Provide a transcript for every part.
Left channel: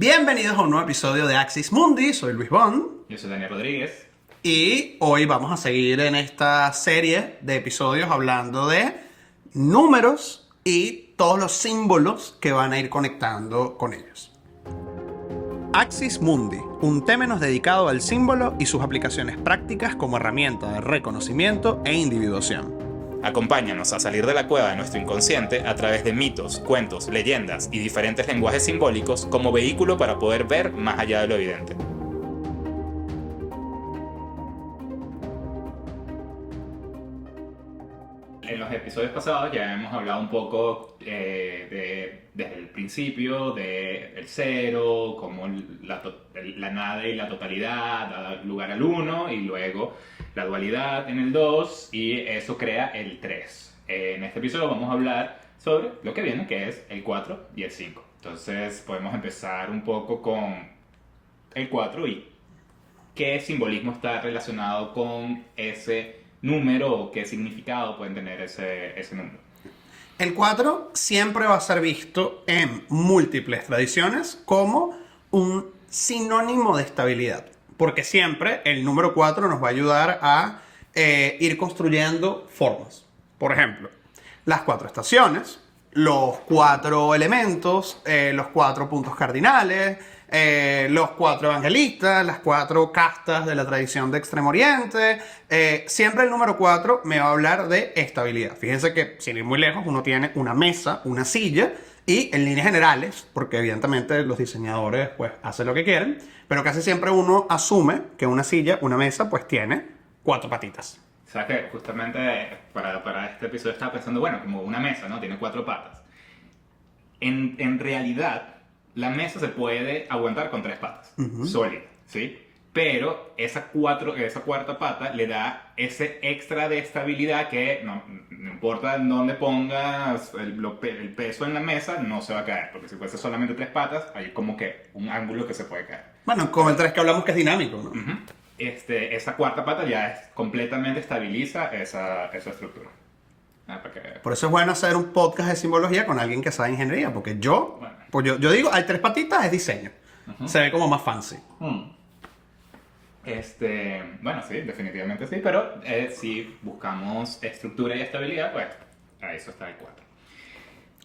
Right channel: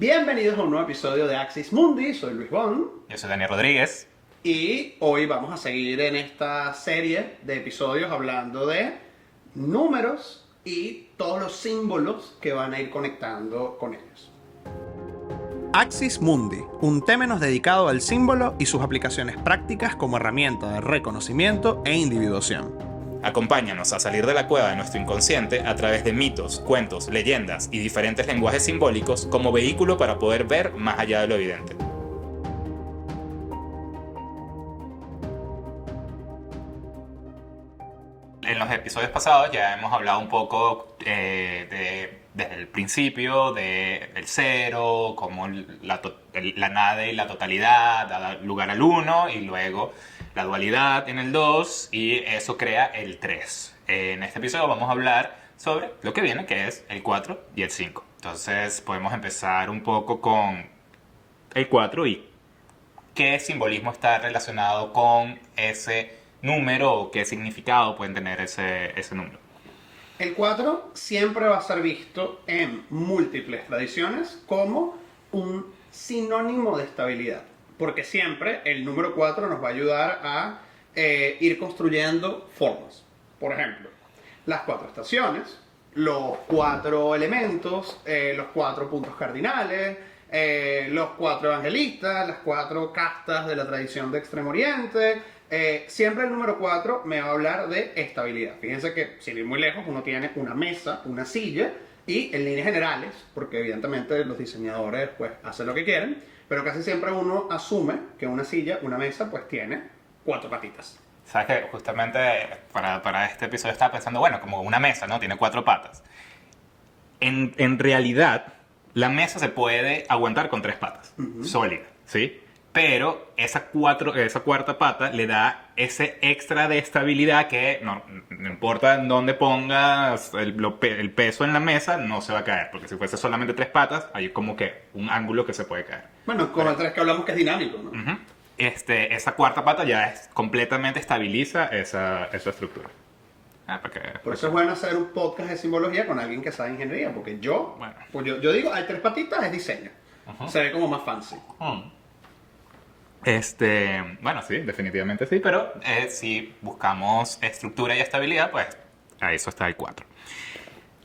Bienvenidos a un nuevo episodio de Axis Mundi, soy Luis Bond. Yo soy Daniel Rodríguez. Y hoy vamos a seguir en esta serie de episodios hablando de números y todos los símbolos que van a ir conectando con ellos. Axis Mundi, un temenos dedicado al símbolo y sus aplicaciones prácticas como herramienta de reconocimiento e individuación. Acompáñanos a salir de la cueva de nuestro inconsciente a través de mitos, cuentos, leyendas y diferentes lenguajes simbólicos como vehículo para poder ver más allá de lo evidente. En los episodios pasados ya hemos hablado un poco desde el principio del cero, como la nada y la totalidad da lugar al uno, y luego la dualidad en el 2, y eso crea el 3. En este episodio vamos a hablar sobre lo que viene, que es el 4 y el 5. Entonces podemos empezar un poco con el 4 y qué simbolismo está relacionado con ese número o qué significado pueden tener ese número. El 4 siempre va a ser visto en múltiples tradiciones como un sinónimo de estabilidad. Porque siempre el número 4 nos va a ayudar a ir construyendo formas. Por ejemplo, las 4 estaciones, los 4 elementos, los 4 puntos cardinales, los 4 evangelistas, las 4 castas de la tradición de Extremo Oriente. Siempre el número 4 me va a hablar de estabilidad. Fíjense que, sin ir muy lejos, uno tiene una mesa, una silla, y en líneas generales, porque evidentemente los diseñadores pues hacen lo que quieren, pero casi siempre uno asume que una silla, una mesa, pues tiene 4 patitas. Sabes que justamente para este episodio estaba pensando, bueno, como una mesa, ¿no? Tiene 4 patas. En realidad, la mesa se puede aguantar con 3 patas, sólida, ¿sí? Pero esa cuarta pata le da ese extra de estabilidad que no importa en dónde pongas el peso en la mesa, no se va a caer. Porque si fuese solamente 3 patas, hay como que un ángulo que se puede caer. Bueno, con el 3 que hablamos que es dinámico, ¿no? Esa cuarta pata ya completamente estabiliza esa estructura. Por eso es bueno hacer un podcast de simbología con alguien que sabe ingeniería, porque yo digo, hay 3 patitas, es diseño. Se ve como más fancy. Bueno, sí, definitivamente sí, pero si buscamos estructura y estabilidad, pues a eso está el 4.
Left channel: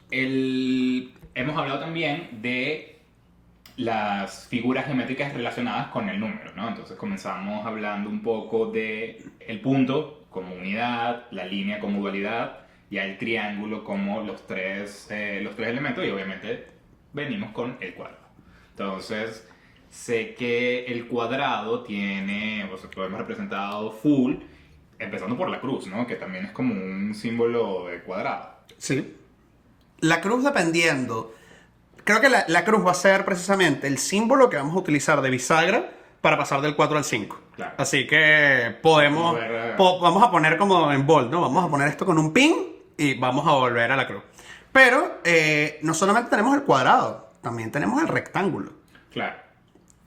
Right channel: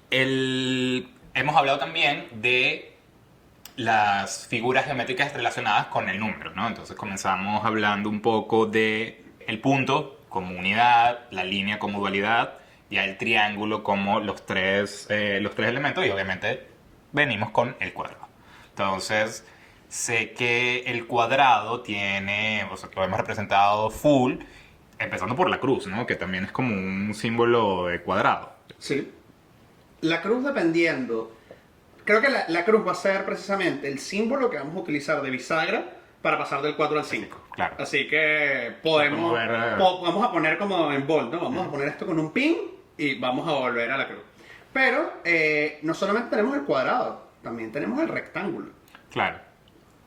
Hemos hablado también de las figuras geométricas relacionadas con el número, ¿no? Entonces comenzamos hablando un poco de el punto como unidad, la línea como dualidad, ya el triángulo como los tres elementos, y obviamente venimos con el cuadrado. Entonces, sé que el cuadrado tiene, o sea, lo hemos representado full, empezando por la cruz, ¿no? Que también es como un símbolo de cuadrado. Sí. La cruz, dependiendo, creo que la cruz va a ser precisamente el símbolo que vamos a utilizar de bisagra para pasar del 4 al 5. Claro. Así que vamos a poner como en bold, ¿no? Vamos a poner esto con un pin y vamos a volver a la cruz. Pero no solamente tenemos el cuadrado, también tenemos el rectángulo. Claro.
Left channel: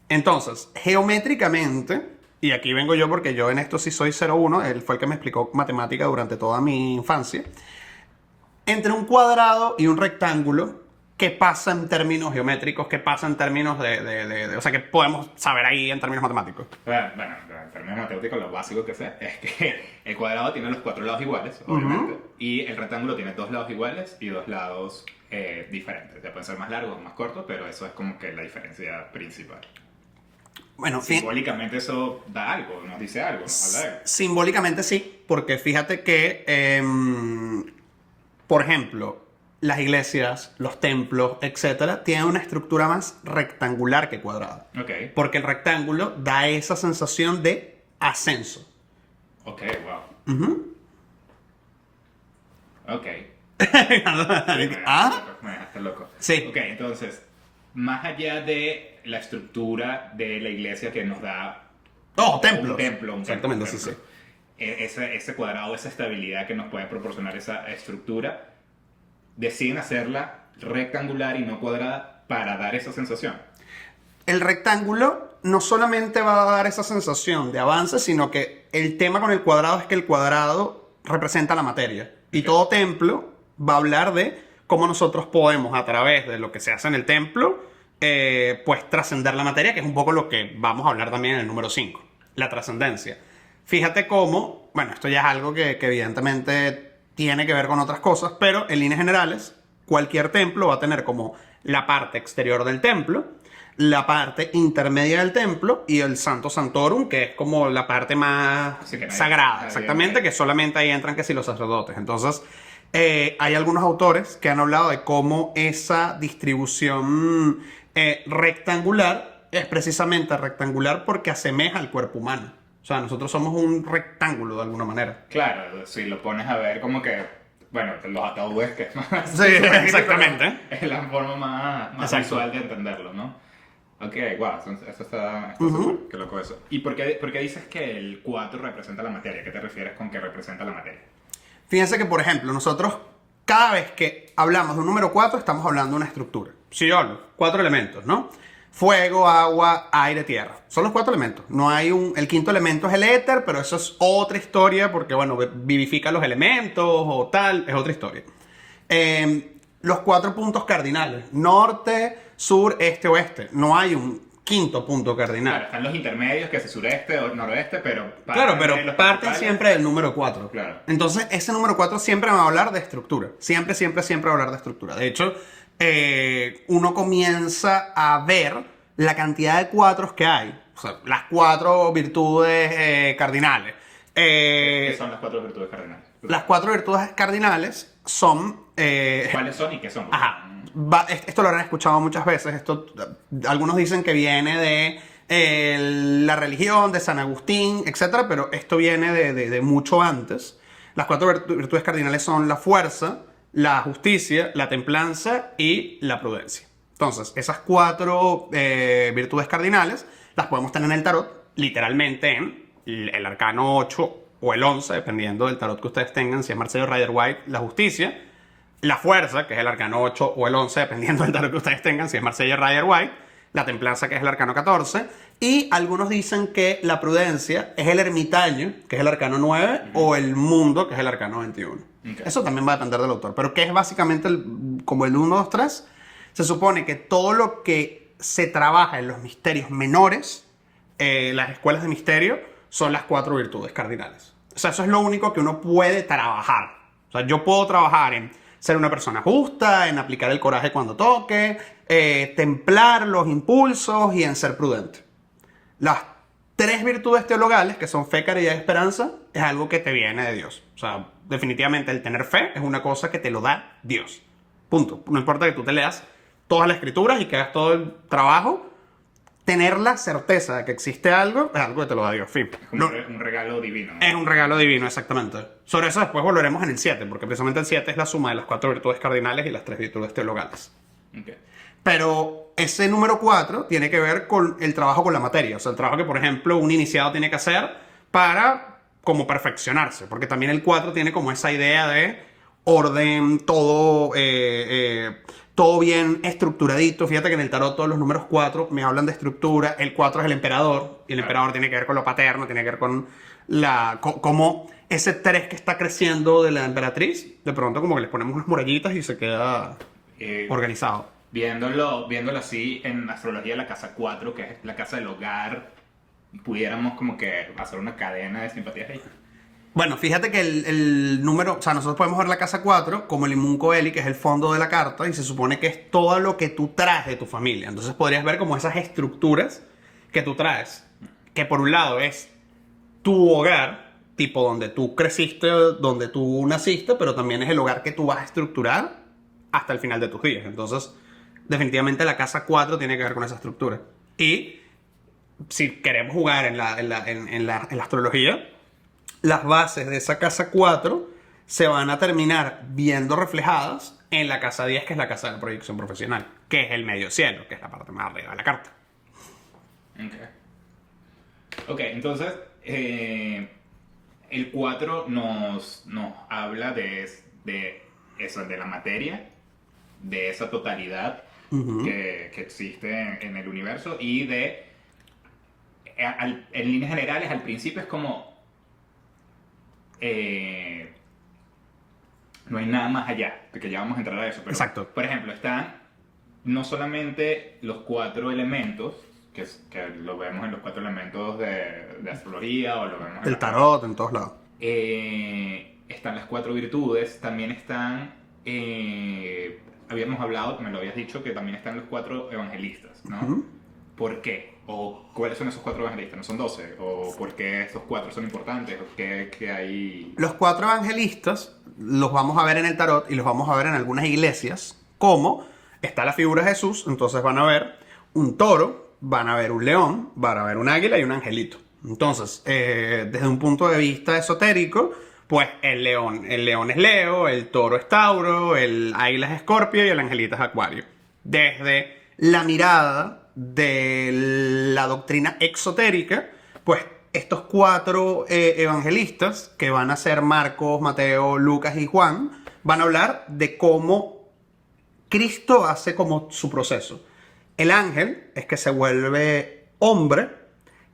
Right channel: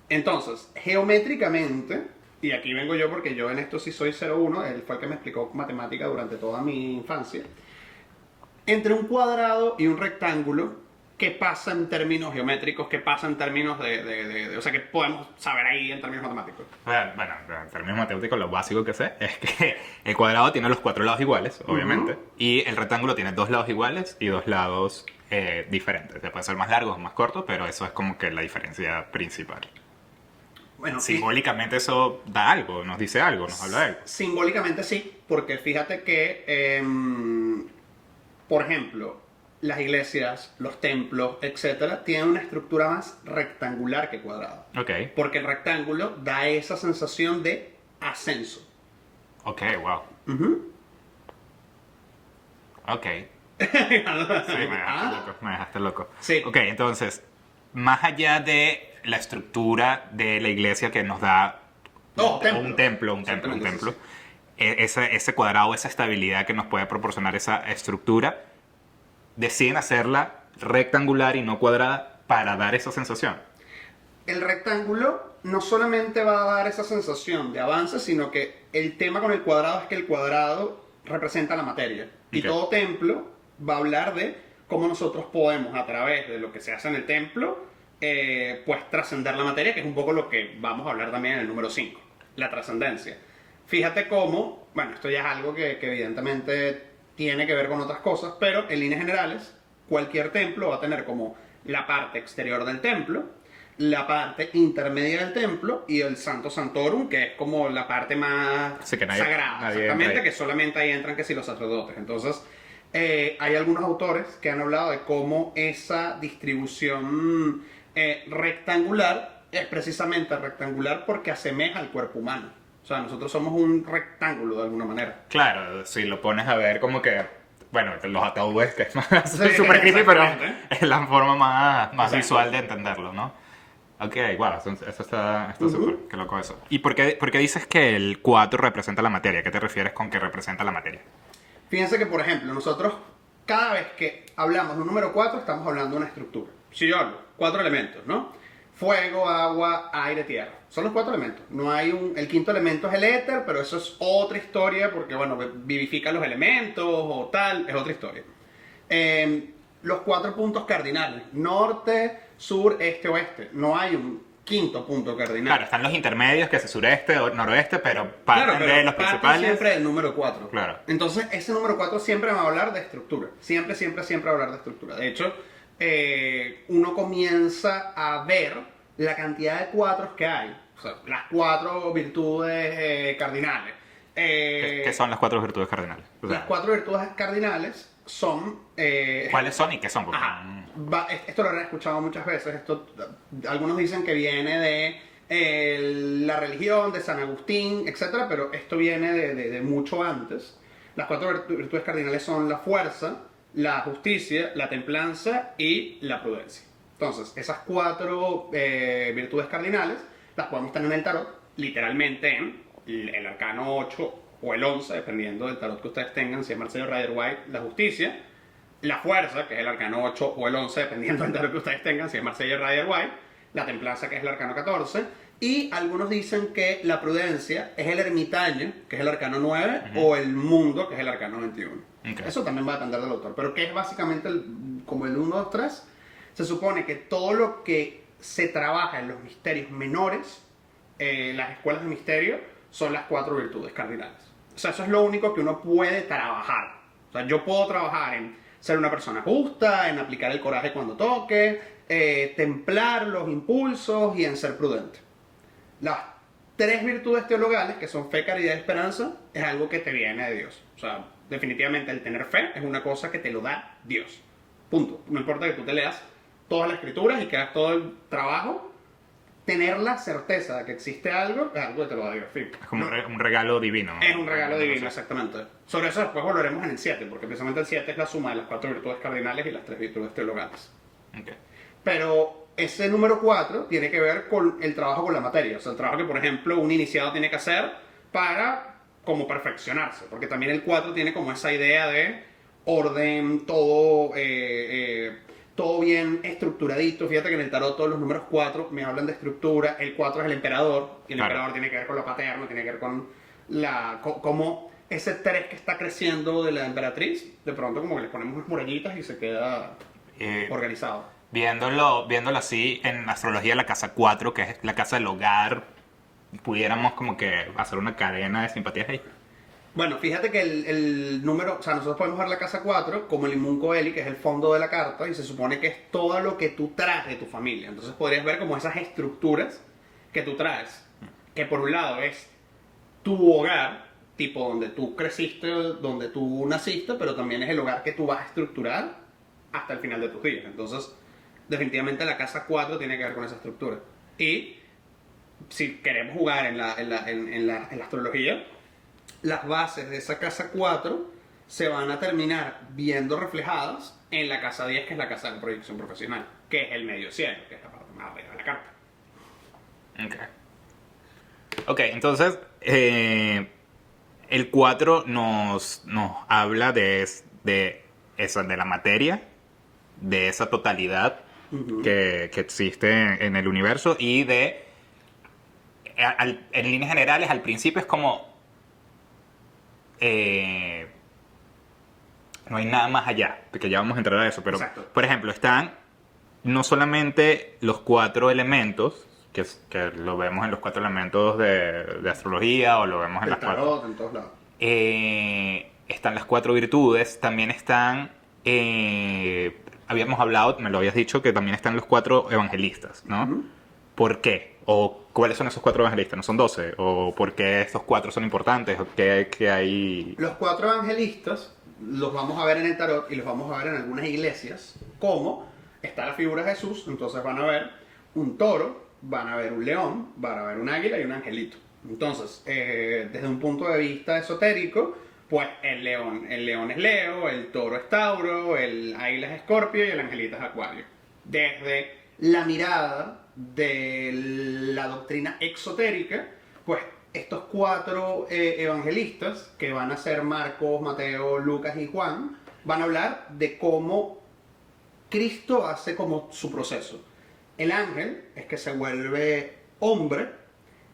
Entonces, geométricamente, y aquí vengo yo porque yo en esto sí soy 0-1, él fue el que me explicó matemática durante toda mi infancia, entre un cuadrado y un rectángulo, ¿qué pasa en términos geométricos? ¿Qué pasa en términos o sea, que podemos saber ahí en términos matemáticos? Bueno, en términos matemáticos lo básico que sé es que el cuadrado tiene los 4 lados iguales, obviamente, y el rectángulo tiene 2 lados iguales y 2 lados diferentes. Pueden ser más largos o más cortos, pero eso es como que la diferencia principal. Bueno, simbólicamente eso da algo, nos dice algo, nos habla de algo. Simbólicamente sí, porque fíjate que, por ejemplo, las iglesias, los templos, etcétera, tienen una estructura más rectangular que cuadrada. Ok. Porque el rectángulo da esa sensación de ascenso. Ok, wow. Ok. Sí, me dejaste loco. Sí. Ok, entonces, más allá de la estructura de la iglesia que nos da un templo. Sí. Ese cuadrado, esa estabilidad que nos puede proporcionar esa estructura, deciden hacerla rectangular y no cuadrada para dar esa sensación. El rectángulo no solamente va a dar esa sensación de avance, sino que el tema con el cuadrado es que el cuadrado representa la materia. Y todo templo va a hablar de cómo nosotros podemos, a través de lo que se hace en el templo, pues trascender la materia, que es un poco lo que vamos a hablar también en el número 5, la trascendencia. Fíjate cómo, bueno, esto ya es algo que evidentemente tiene que ver con otras cosas, pero en líneas generales, cualquier templo va a tener como la parte exterior del templo, la parte intermedia del templo y el Santo Santorum, que es como la parte más Así que sagrada, nadie exactamente, entra ahí. que solamente ahí entran que si los sacerdotes. Entonces, hay algunos autores que han hablado de cómo esa distribución rectangular es precisamente rectangular porque asemeja al cuerpo humano. O sea, nosotros somos un rectángulo de alguna manera. Claro, si lo pones a ver como que, bueno, los ataúdes, que es más Sí, súper creepy, pero exactamente. es la forma más Exacto. visual de entenderlo, ¿no? Ok, wow, eso está súper, qué loco eso. ¿Y por qué dices que el 4 representa la materia? ¿Qué te refieres con que representa la materia? Fíjense que, por ejemplo, nosotros cada vez que hablamos de un número 4 estamos hablando de una estructura. Si yo hablo, 4 elementos, ¿no? Fuego, agua, aire, tierra. Son los 4 elementos. No hay un... El quinto elemento es el éter, pero eso es otra historia porque, bueno, vivifica los elementos o tal, es otra historia. Los 4 puntos cardinales, norte, sur, este, oeste. No hay un quinto punto cardinal. Claro, están los intermedios, que es sureste o noroeste, pero Claro, de pero los parte principales. siempre del número 4. Claro. Entonces, ese número 4 siempre va a hablar de estructura. Siempre, siempre, siempre va a hablar de estructura. De hecho, uno comienza a ver la cantidad de cuatros que hay. O sea, las 4 virtudes cardinales. ¿Qué son las 4 virtudes cardinales? O sea, Las 4 virtudes cardinales son... ¿cuáles son y qué son? Porque- Ajá. Esto lo habrán escuchado muchas veces. Algunos dicen que viene de la religión, de San Agustín, etcétera, pero esto viene de mucho antes. Las 4 virtudes cardinales son la fuerza, la justicia, la templanza y la prudencia. Entonces, esas 4 virtudes cardinales las podemos tener en el tarot, literalmente en el arcano 8 o el 11, dependiendo del tarot que ustedes tengan, si es Marcelo Rider White, la justicia, la fuerza, que es el arcano 8 o el 11, dependiendo del tarot que ustedes tengan, si es Marsella Rider White, la templanza, que es el arcano 14, y algunos dicen que la prudencia es el ermitaño, que es el arcano 9, o el mundo, que es el arcano 21. Ok. Eso también va a depender del autor, pero que es básicamente como el 1, 2, 3, se supone que todo lo que se trabaja en los misterios menores, las escuelas de misterio, son las 4 virtudes cardinales. O sea, eso es lo único que uno puede trabajar. O sea, yo puedo trabajar en ser una persona justa, en aplicar el coraje cuando toque, templar los impulsos y en ser prudente. Las 3 virtudes teologales, que son fe, caridad y esperanza, es algo que te viene de Dios. O sea, definitivamente el tener fe es una cosa que te lo da Dios. Punto. No importa que tú te leas todas las escrituras y que hagas todo el trabajo, tener la certeza de que existe algo es algo que te lo da Dios. Fin. Es como un regalo divino. Es un regalo divino, exactamente. Sobre eso después volveremos en el 7, porque precisamente el 7 es la suma de las 4 virtudes cardinales y las 3 virtudes teologales. Ok. Pero ese número 4 tiene que ver con el trabajo con la materia. O sea, el trabajo que, por ejemplo, un iniciado tiene que hacer para como perfeccionarse. Porque también el 4 tiene como esa idea de orden, todo bien estructuradito. Fíjate que en el tarot todos los números 4 me hablan de estructura. El 4 es el emperador. Y el Claro. emperador tiene que ver con lo paterno, tiene que ver con como ese 3 que está creciendo de la emperatriz. De pronto como que les ponemos unas murallitas y se queda Eh, organizado. viéndolo así en astrología, la casa 4, que es la casa del hogar, pudiéramos como que hacer una cadena de simpatías ahí. Bueno, fíjate que el número, o sea, nosotros podemos ver la casa 4 como el Inmunco Veli, que es el fondo de la carta, y se supone que es todo lo que tú traes de tu familia. Entonces podrías ver como esas estructuras que tú traes, que por un lado es tu hogar, tipo donde tú creciste, donde tú naciste, pero también es el hogar que tú vas a estructurar hasta el final de tus días. Entonces, definitivamente la casa 4 tiene que ver con esa estructura. Y si queremos jugar en la astrología, las bases de esa casa 4 se van a terminar viendo reflejadas en la casa 10, que es la casa de proyección profesional, que es el medio cielo, que es la parte más arriba de la carta. Ok, entonces el 4 nos habla de eso, de la materia, de esa totalidad que existe en el universo y en líneas generales, al principio es como no hay nada más allá, porque ya vamos a entrar a eso, pero Exacto. por ejemplo, están no solamente los 4 elementos, que lo vemos en los 4 elementos de astrología o lo vemos en El las tarot, en todos lados. están las 4 virtudes, también están, habíamos hablado, me lo habías dicho, que también están los 4 evangelistas, ¿no? Ujú. ¿Por qué? ¿O cuáles son esos 4 evangelistas? ¿No son 12? ¿O por qué estos 4 son importantes? ¿O qué hay? Los 4 evangelistas los vamos a ver en el tarot y los vamos a ver en algunas iglesias, como está la figura de Jesús, entonces van a ver un toro, van a ver un león, van a ver un águila y un angelito. Entonces, desde un punto de vista esotérico, pues el león es Leo, el toro es Tauro, el águila es Escorpio y el angelito es Acuario. Desde la mirada de la doctrina exotérica, pues estos 4 evangelistas, que van a ser Marcos, Mateo, Lucas y Juan, van a hablar de cómo Cristo hace como su proceso. El ángel es que se vuelve hombre,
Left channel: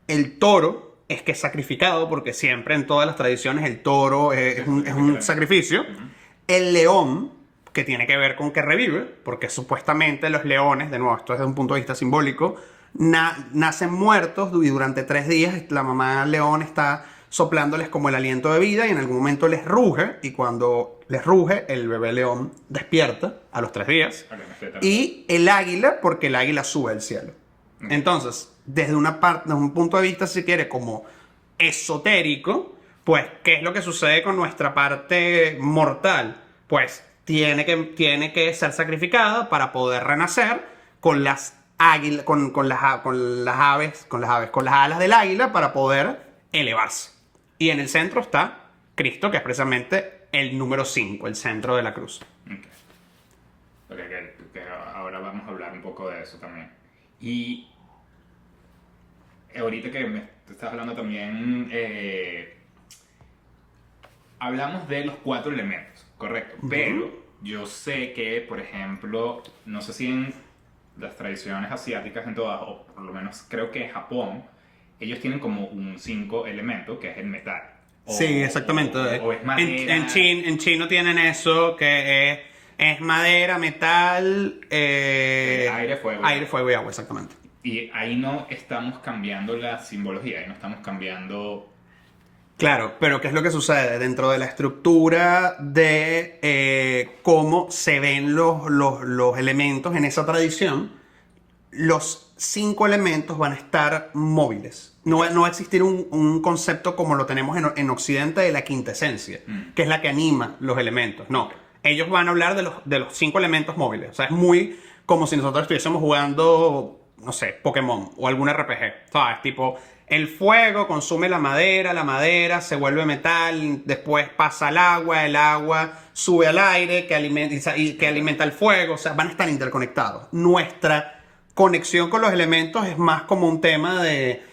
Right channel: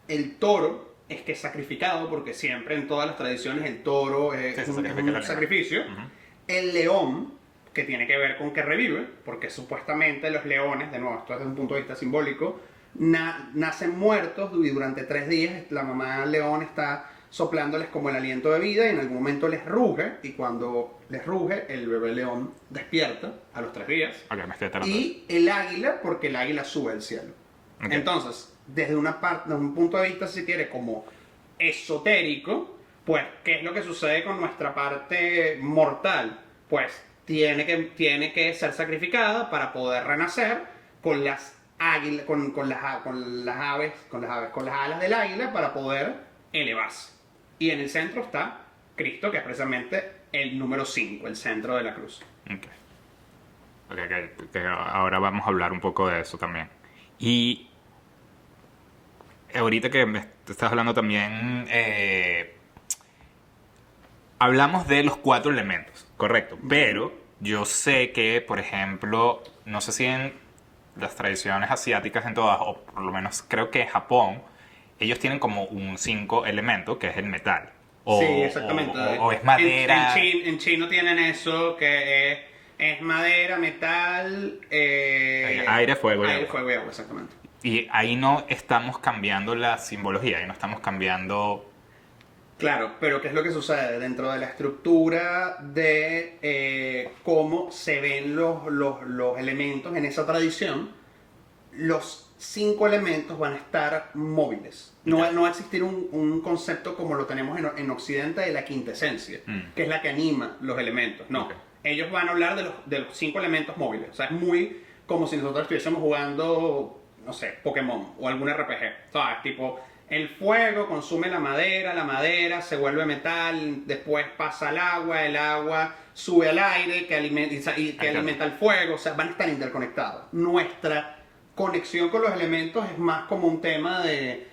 el toro es que es sacrificado, porque siempre en todas las tradiciones el toro es un sacrificio. El león, que tiene que ver con que revive, porque supuestamente los leones, de nuevo, esto es desde un punto de vista simbólico, nacen muertos y durante 3 días la mamá león está soplándoles como el aliento de vida y en algún momento les ruge, y cuando les ruge el bebé león despierta a los 3 días. Ok, me estoy enterando. Y el águila, porque el águila sube al cielo. Ok. Entonces, desde un punto de vista, si quiere, como esotérico, pues, ¿qué es lo que sucede con nuestra parte mortal? Pues tiene que ser sacrificada para poder renacer con las águilas, con las alas del águila para poder elevarse. Y en el centro está Cristo, que es precisamente el número 5, el centro de la cruz. Ok. Que ahora vamos a hablar un poco de eso también. Y ahorita que me estás hablando también, hablamos de los 4 elementos, correcto. Pero yo sé que, por ejemplo, no sé si en las tradiciones asiáticas en todas, o por lo menos creo que en Japón, ellos tienen como un 5 elemento, que es el metal. Sí, exactamente. O es madera. En chino tienen eso, que es madera, metal, aire, fuego y aire, agua. fuego y agua, exactamente. Y ahí no estamos cambiando la simbología, ahí no estamos cambiando. Claro, pero ¿qué es lo que sucede? Dentro de la estructura de cómo se ven los elementos en esa tradición, los 5 elementos van a estar móviles. No va a existir un concepto como lo tenemos en Occidente de la quintesencia, que es la que anima los elementos. No, Ok. ellos van a hablar de los 5 elementos móviles. O sea, es muy como si nosotros estuviésemos jugando, no sé, Pokémon o algún RPG. ¿Sabes? Tipo, el fuego consume la madera se vuelve metal, después pasa al agua, el agua sube al aire que alimenta el fuego. O sea, van a estar interconectados. Nuestra conexión con los elementos es más como un tema de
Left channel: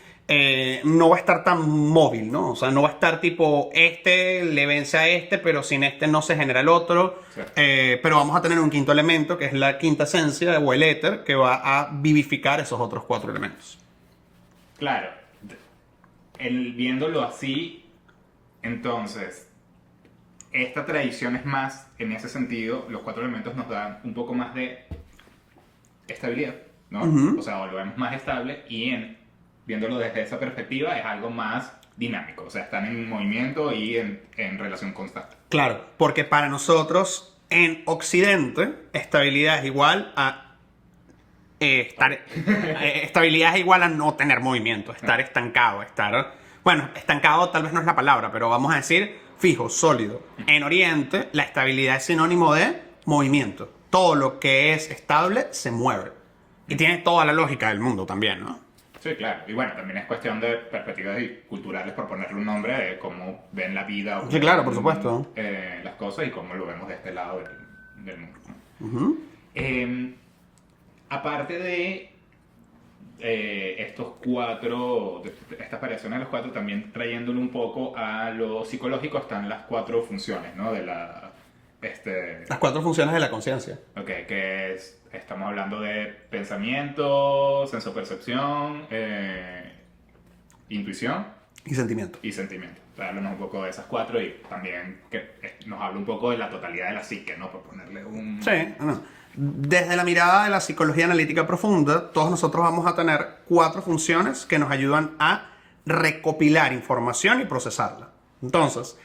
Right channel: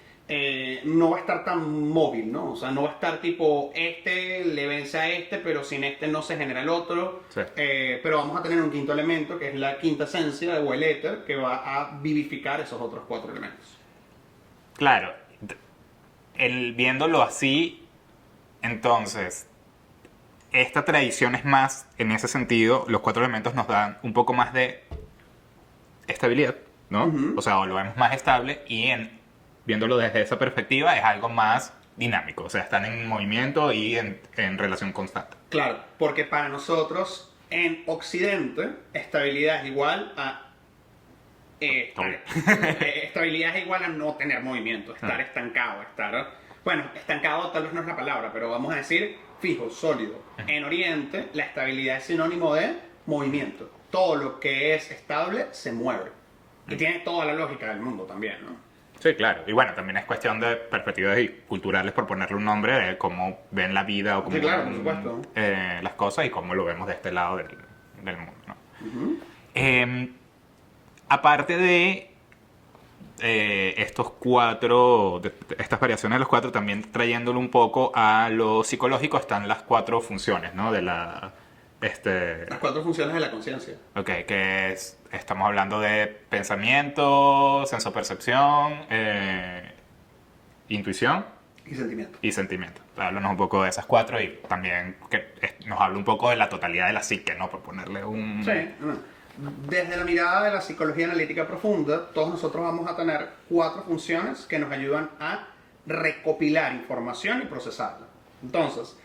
no va a estar tan móvil, ¿no? O sea, no va a estar tipo este le vence a este, pero sin este no se genera el otro. Sí. Pero vamos a tener un quinto elemento que es la quinta esencia o el éter, que va a vivificar esos otros 4 elementos. Claro, viéndolo así, entonces, esta tradición es más, en ese sentido, los 4 elementos nos dan un poco más de estabilidad, ¿no? O sea, lo vemos más estable y viéndolo desde esa perspectiva es algo más dinámico, o sea, están en movimiento y en relación constante. Claro, porque para nosotros en Occidente estabilidad es igual a estabilidad es igual a no tener movimiento, estar estancado, bueno, estancado tal vez no es la palabra, pero vamos a decir fijo, sólido. En Oriente la estabilidad es sinónimo de movimiento. Todo lo que es estable se mueve. Y tiene toda la lógica del mundo también, ¿no? Sí, claro. Y bueno, también es cuestión de perspectivas culturales, por ponerle un nombre, de cómo ven la vida o cómo Sí, claro, por ven, supuesto. las cosas y cómo lo vemos de este lado del mundo, ¿no? Aparte de estos 4, estas variaciones de los 4, también trayéndolo un poco a lo psicológico, están las 4 funciones, ¿no? De Las 4 funciones de la conciencia. Ok, estamos hablando de pensamiento, sensopercepción, intuición Y sentimiento. y sentimiento. Háblanos un poco de esas 4 y también que nos habla un poco de la totalidad de la psique, ¿no? Por ponerle un... Sí, no. Desde la mirada de la psicología analítica profunda, todos nosotros vamos a tener 4 funciones que nos ayudan a recopilar información y procesarla. Entonces,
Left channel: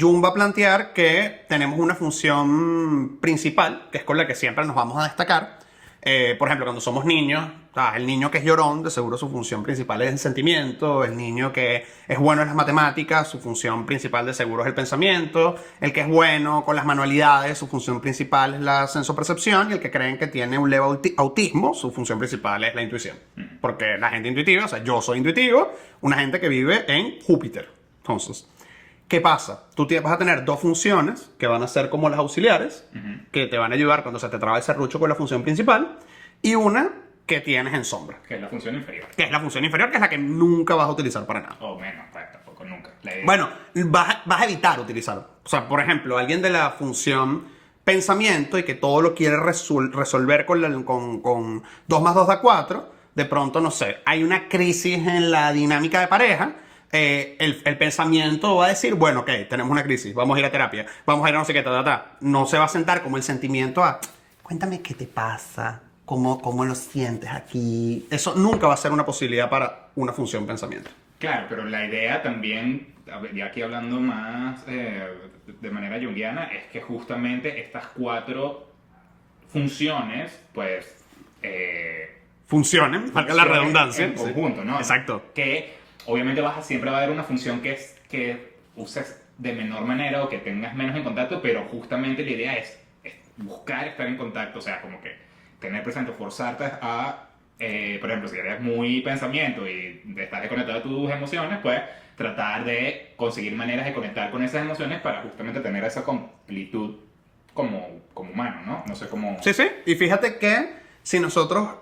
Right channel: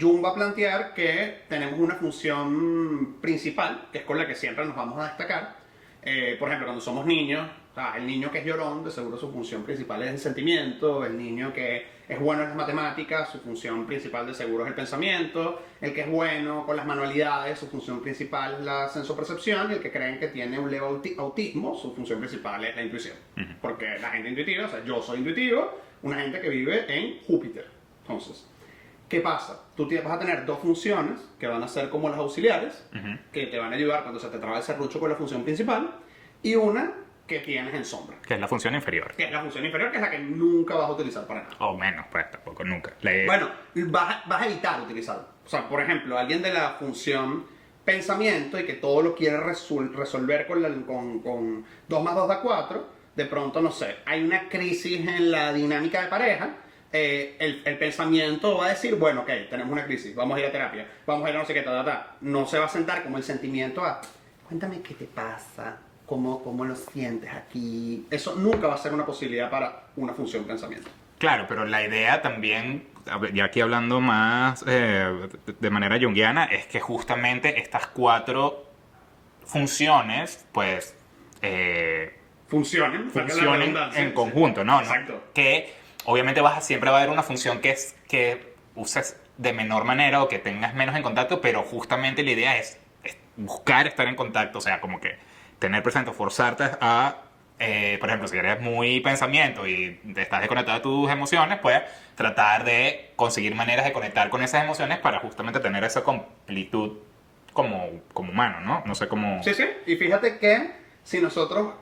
Jung va a plantear que tenemos una función principal, que es con la que siempre nos vamos a destacar. Por ejemplo, cuando somos niños, el niño que es llorón, de seguro su función principal es el sentimiento. El niño que es bueno en las matemáticas, su función principal de seguro es el pensamiento. El que es bueno con las manualidades, su función principal es la sensopercepción. Y el que creen que tiene un leve autismo, su función principal es la intuición. Porque la gente intuitiva, o sea, yo soy intuitivo, una gente que vive en Júpiter. Entonces, ¿qué pasa? Tú vas a tener 2 funciones que van a ser como las auxiliares, que te van a ayudar cuando se te traba el serrucho con la función principal, y una que tienes en sombra. Que es la función inferior. Que es la función inferior, que es la que nunca vas a utilizar para nada. O menos, pues tampoco, nunca. Bueno, vas a evitar utilizarlo. O sea, por ejemplo, alguien de la función pensamiento y que todo lo quiere resolver con 2 más 2 da 4, de pronto, no sé, hay una crisis en la dinámica de pareja. El pensamiento va a decir, bueno, ok, tenemos una crisis, vamos a ir a terapia, vamos a ir a no sé qué, No se va a sentar como el sentimiento a, cuéntame qué te pasa, cómo lo sientes aquí. Eso nunca va a ser una posibilidad para una función pensamiento. Claro, pero la idea también, ya aquí hablando más de manera junguiana, es que justamente estas 4 funciones, pues... funcionen, valga la redundancia. En conjunto, ¿no? Exacto. Que obviamente siempre va a haber una función que uses de menor manera o que tengas menos en contacto, pero justamente la idea es buscar estar en contacto, o sea, como que tener presente, forzarte a, por ejemplo, si eres muy pensamiento y estás desconectado de tus emociones, pues tratar de conseguir maneras de conectar con esas emociones para justamente tener esa completud como humano, ¿no? No sé cómo... Sí, y fíjate que si nosotros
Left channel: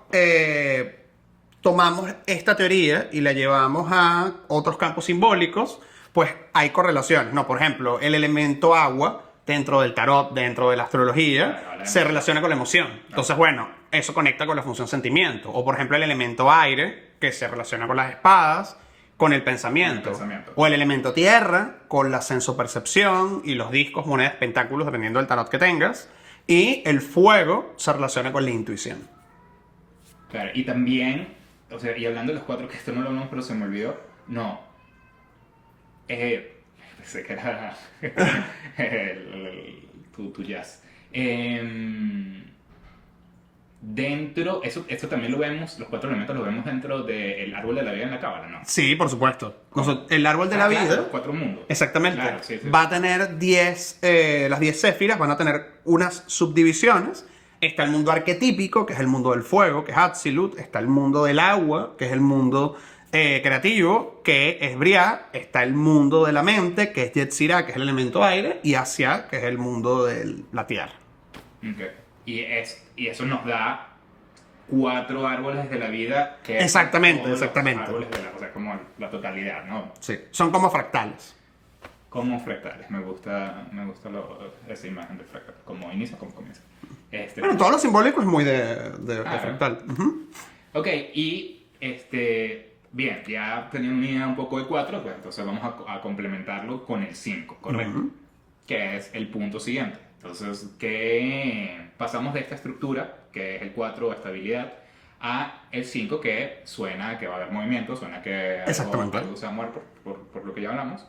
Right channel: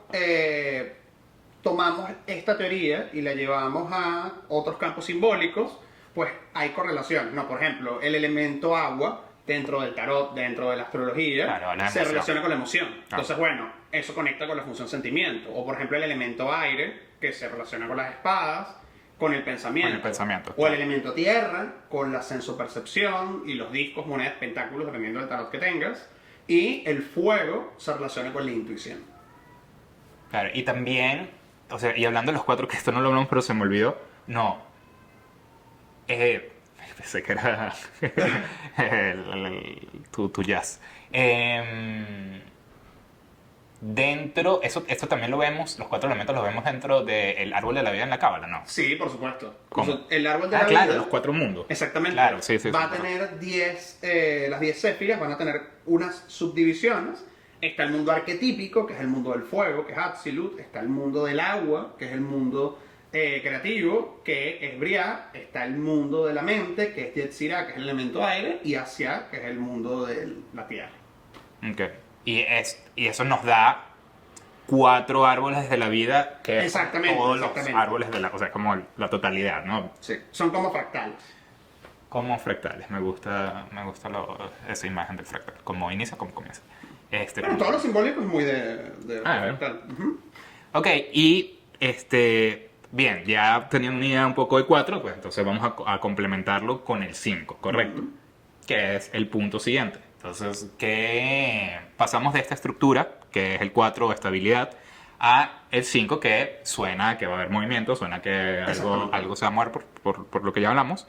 tomamos esta teoría y la llevamos a otros campos simbólicos, pues hay correlaciones, ¿no? Por ejemplo, el elemento agua dentro del tarot, dentro de la astrología, claro, se relaciona con la emoción. Entonces, bueno, eso conecta con la función sentimiento. O, por ejemplo, el elemento aire, que se relaciona con las espadas, con el pensamiento. O el elemento tierra, con la sensopercepción y los discos, monedas, pentáculos, dependiendo del tarot que tengas. Y el fuego se relaciona con la intuición. Claro, y también, o sea, y hablando de los 4, que esto no lo hablamos, pero se me olvidó, no. Pensé que era tu jazz. Dentro, esto también lo vemos, los 4 elementos los vemos dentro del árbol de la vida en la cábala, ¿no? Sí, por supuesto. El árbol de la vida, los 4 mundos. Exactamente. Claro, sí, va a tener 10, las 10 séfiras van a tener unas subdivisiones. Está el mundo arquetípico, que es el mundo del fuego, que es Atzilut. Está el mundo del agua, que es el mundo creativo, que es Briah. Está el mundo de la mente, que es Yetzirah, que es el elemento aire. Y Asia, que es el mundo de la tierra. Okay. Y eso nos da 4 árboles de la vida que exactamente. Los árboles de o sea, como la totalidad, ¿no? Sí. Son como fractales. Como fractales. Me gusta esa imagen de fractal. Como inicia, como comienza. Bueno, todo lo simbólico es muy de fractal. Ok, y bien, ya teniendo una idea un poco de 4, pues entonces vamos a complementarlo con el 5, ¿correcto? Que es el punto siguiente. Entonces, ¿qué pasamos de esta estructura, que es el 4, estabilidad, a el 5, que suena que va a haber movimiento, suena que algo se va a mover por lo que ya hablamos?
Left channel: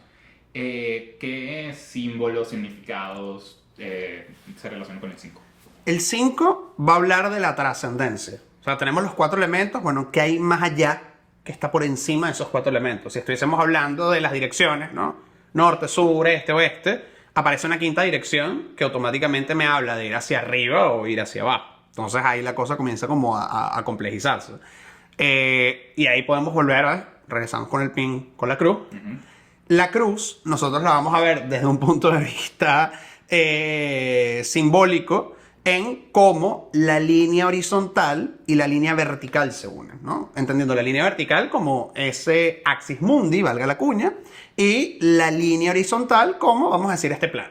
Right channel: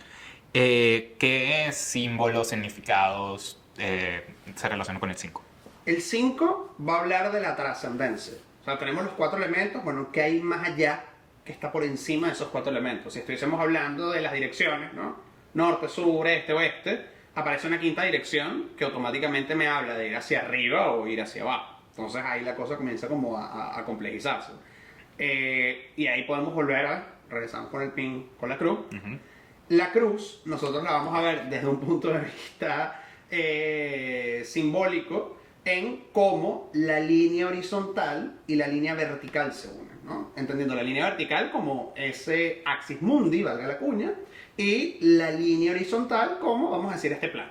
¿Qué símbolos, significados se relacionan con el 5? El 5 va a hablar de la trascendencia. O sea, tenemos los 4 elementos, bueno, ¿qué hay más allá que está por encima de esos 4 elementos? Si estuviésemos hablando de las direcciones, ¿no? Norte, sur, este, oeste, aparece una quinta dirección que automáticamente me habla de ir hacia arriba o ir hacia abajo. Entonces ahí la cosa comienza como a complejizarse. Y ahí podemos volver, regresamos con el pin, con la cruz. La cruz, nosotros la vamos a ver desde un punto de vista simbólico, en cómo la línea horizontal y la línea vertical se unen, ¿no? Entendiendo la línea vertical como ese axis mundi, valga la cuña, y la línea horizontal como, vamos a decir, este plano.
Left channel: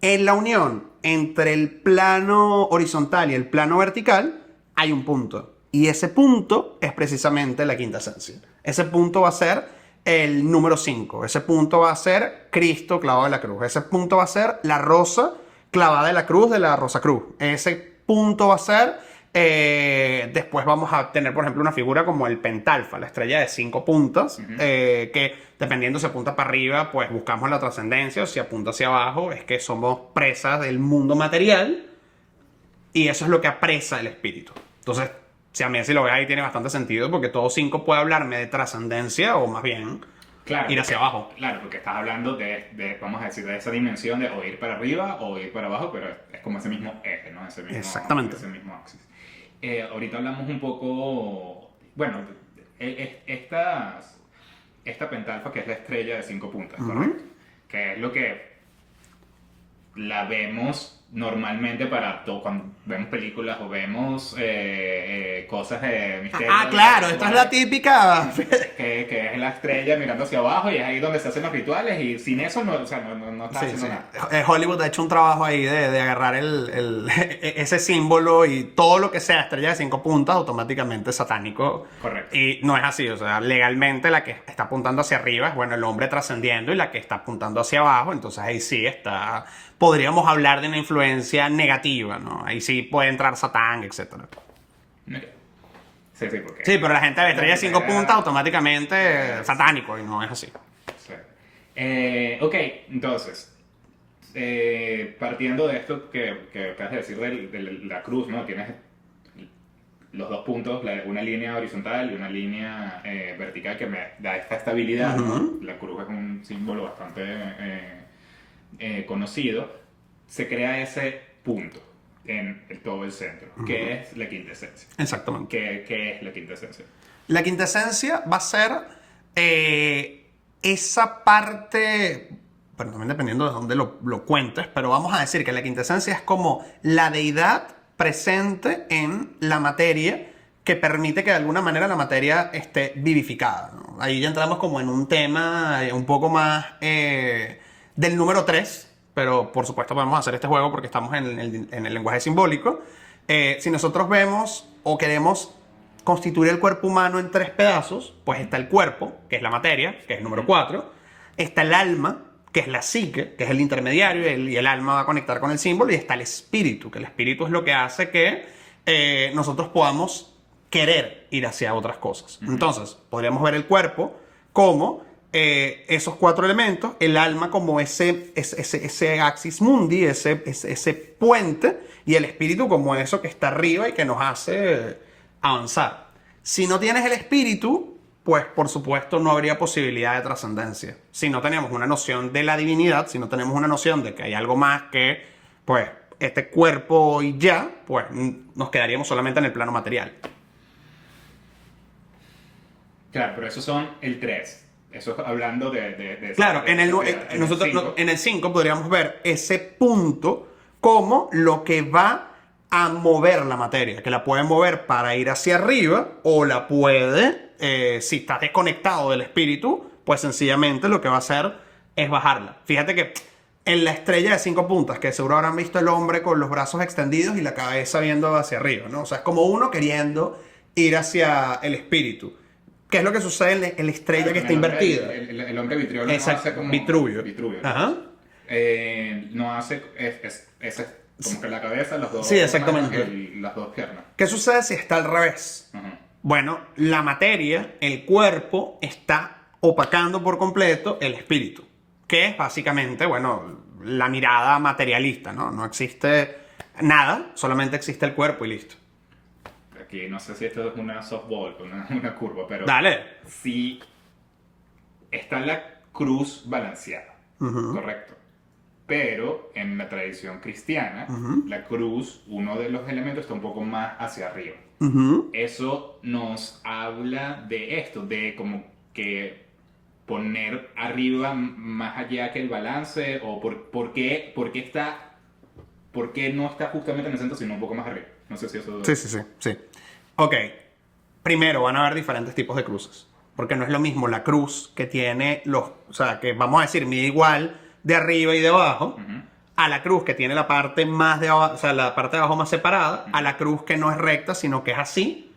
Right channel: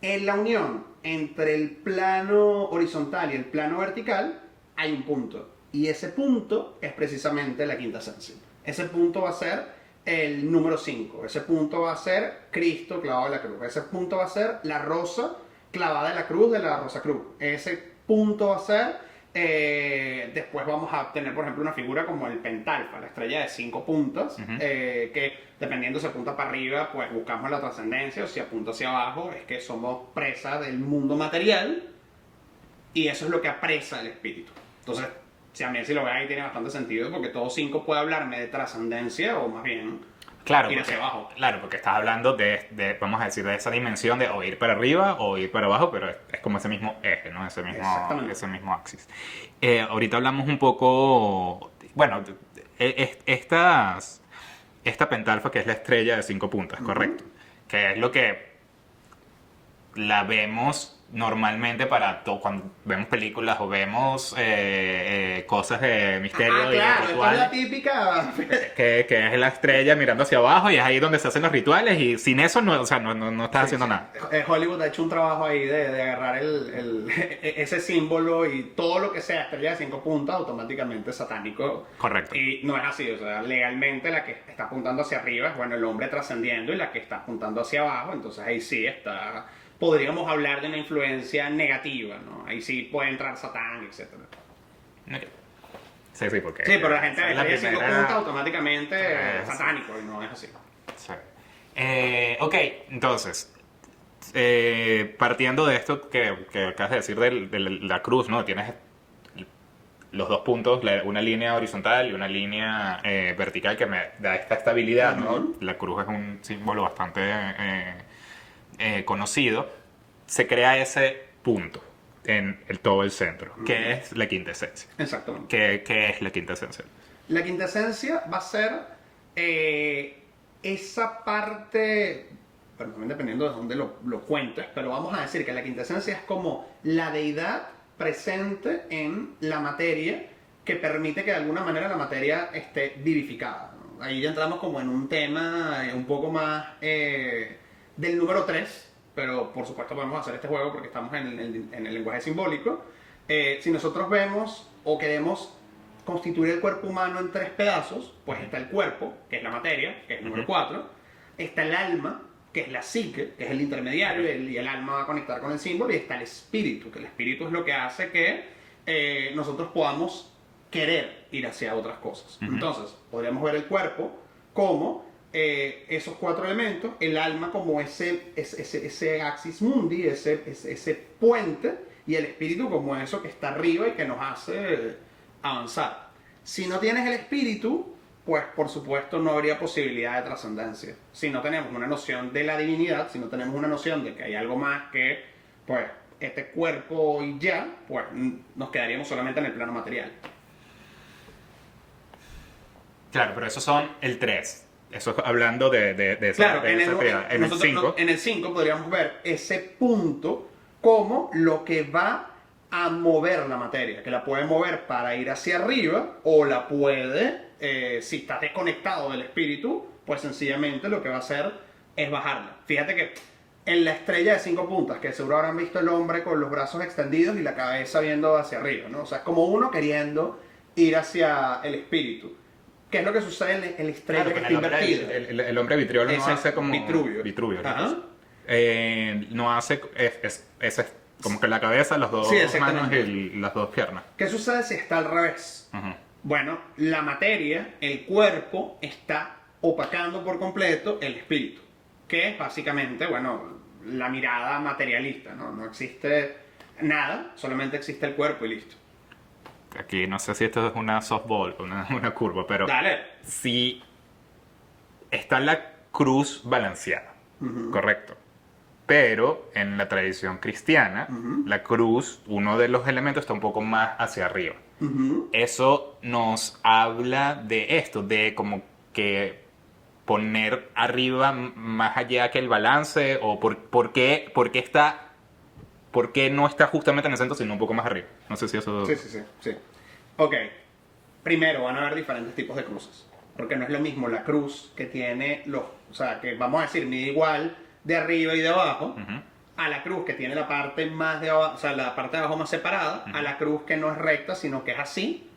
En la unión entre el plano horizontal y el plano vertical hay un punto, y ese punto es precisamente la quinta esencia. Ese punto va a ser el número 5, ese punto va a ser Cristo clavado en la cruz, ese punto va a ser la rosa clavada en la cruz de la Rosa Cruz. Ese punto va a ser. Después vamos a tener, por ejemplo, una figura como el pentalfa, la estrella de 5 puntas, que dependiendo si apunta para arriba, pues buscamos la trascendencia, o si apunta hacia abajo, es que somos presas del mundo material, y eso es lo que apresa el espíritu. Entonces, si a mí si lo ve ahí tiene bastante sentido, porque todo 5 puede hablarme de trascendencia, o más bien Claro, ir hacia abajo. Claro, porque estás hablando vamos a decir, de esa dimensión de o ir para arriba o ir para abajo, pero es como ese mismo eje, ¿no? Exactamente. Ese mismo axis. Ahorita hablamos un poco, bueno, esta pentalfa que es la estrella de 5 puntas, ¿correcto? Que es lo que la vemos normalmente para todo, cuando vemos películas o vemos cosas de misterio. Ah, claro, esta es la típica. Que es la estrella mirando hacia abajo y es ahí donde se hacen los rituales y sin eso no, o sea, no estás haciendo nada. Hollywood ha hecho un trabajo ahí de agarrar ese símbolo y todo lo que sea estrella de 5 puntas automáticamente satánico. Correcto. Y no es así, o sea, legalmente la que está apuntando hacia arriba es, bueno, el hombre trascendiendo, y la que está apuntando hacia abajo, entonces ahí sí está, podríamos hablar de una influencia negativa, ¿no? Ahí sí puede entrar Satán, etc. Okay. Sí, porque... Sí, pero la gente ve estrella de 5 primera- puntas automáticamente Sí. satánico, y no es así. Sí. Ok, entonces, partiendo de esto que acabas de decir de la cruz, ¿no? Tienes los 2 puntos, una línea horizontal y una línea vertical que me da esta estabilidad, ¿no? La cruz es un símbolo bastante conocido. Se crea ese punto en todo el centro, que es la quinta esencia. Exactamente. ¿Qué es la quinta esencia? La quinta esencia va a ser esa parte, bueno, también dependiendo de dónde lo cuentes, pero vamos a decir que la quinta esencia es como la deidad presente en la materia que permite que de alguna manera la materia esté vivificada, ¿no? Ahí ya entramos como en un tema un poco más del número 3, pero por supuesto podemos hacer este juego porque estamos en el lenguaje simbólico. Si nosotros vemos o queremos constituir el cuerpo humano en 3 pedazos, pues está el cuerpo, que es la materia, que es el número 4, está el alma, que es la psique, que es el intermediario, y el alma va a conectar con el símbolo, y está el espíritu, que el espíritu es lo que hace que nosotros podamos querer ir hacia otras cosas. Entonces, podríamos ver el cuerpo como esos 4 elementos, el alma como ese axis mundi, ese puente, y el espíritu como eso que está arriba y que nos hace avanzar. Si no tienes el espíritu, pues por supuesto no habría posibilidad de trascendencia. Si no tenemos una noción de la divinidad, si no tenemos una noción de que hay algo más que, pues, este cuerpo y ya, pues nos quedaríamos solamente en el plano material. Claro, pero esos son el 3. Eso hablando de esa, Claro, de en esa actividad. en el 5 podríamos ver ese punto como lo que va a mover la materia, que la puede mover para ir hacia arriba, o la puede, si está desconectado del espíritu, pues sencillamente lo que va a hacer es bajarla. Fíjate que en la estrella de 5 puntas, que seguro habrán visto el hombre con los brazos extendidos y la cabeza viendo hacia arriba, ¿no? O sea, es como uno queriendo ir hacia el espíritu. ¿Qué es lo que sucede en la estrella Claro, que está el hombre- invertida? El hombre vitriol no Exacto, hace como... Vitruvio. ¿no? Ajá. No hace... Es como que la cabeza, las dos Sí, exactamente. manos y las 2 piernas. ¿Qué sucede si está al revés? Ujú. Bueno, la materia, el cuerpo, está opacando por completo el espíritu, que es básicamente, bueno, la mirada materialista, ¿no? No existe nada, solamente existe el cuerpo y listo. Aquí no sé si esto es una softball, una curva, pero... Dale. Si está la cruz balanceada, correcto. Pero en la tradición cristiana, la cruz, uno de los elementos está un poco más hacia arriba. Eso nos habla de esto, de como que poner arriba más allá que el balance, o por qué no está justamente en el centro, sino un poco más arriba. No sé si eso... Sí. Ok. Primero, van a haber diferentes tipos de cruces. Porque no es lo mismo la cruz que tiene o sea, que vamos a decir, mide igual de arriba y de abajo, a la cruz que tiene la parte más de abajo, o sea, la parte de abajo más separada, a la cruz que no es recta, sino que es así,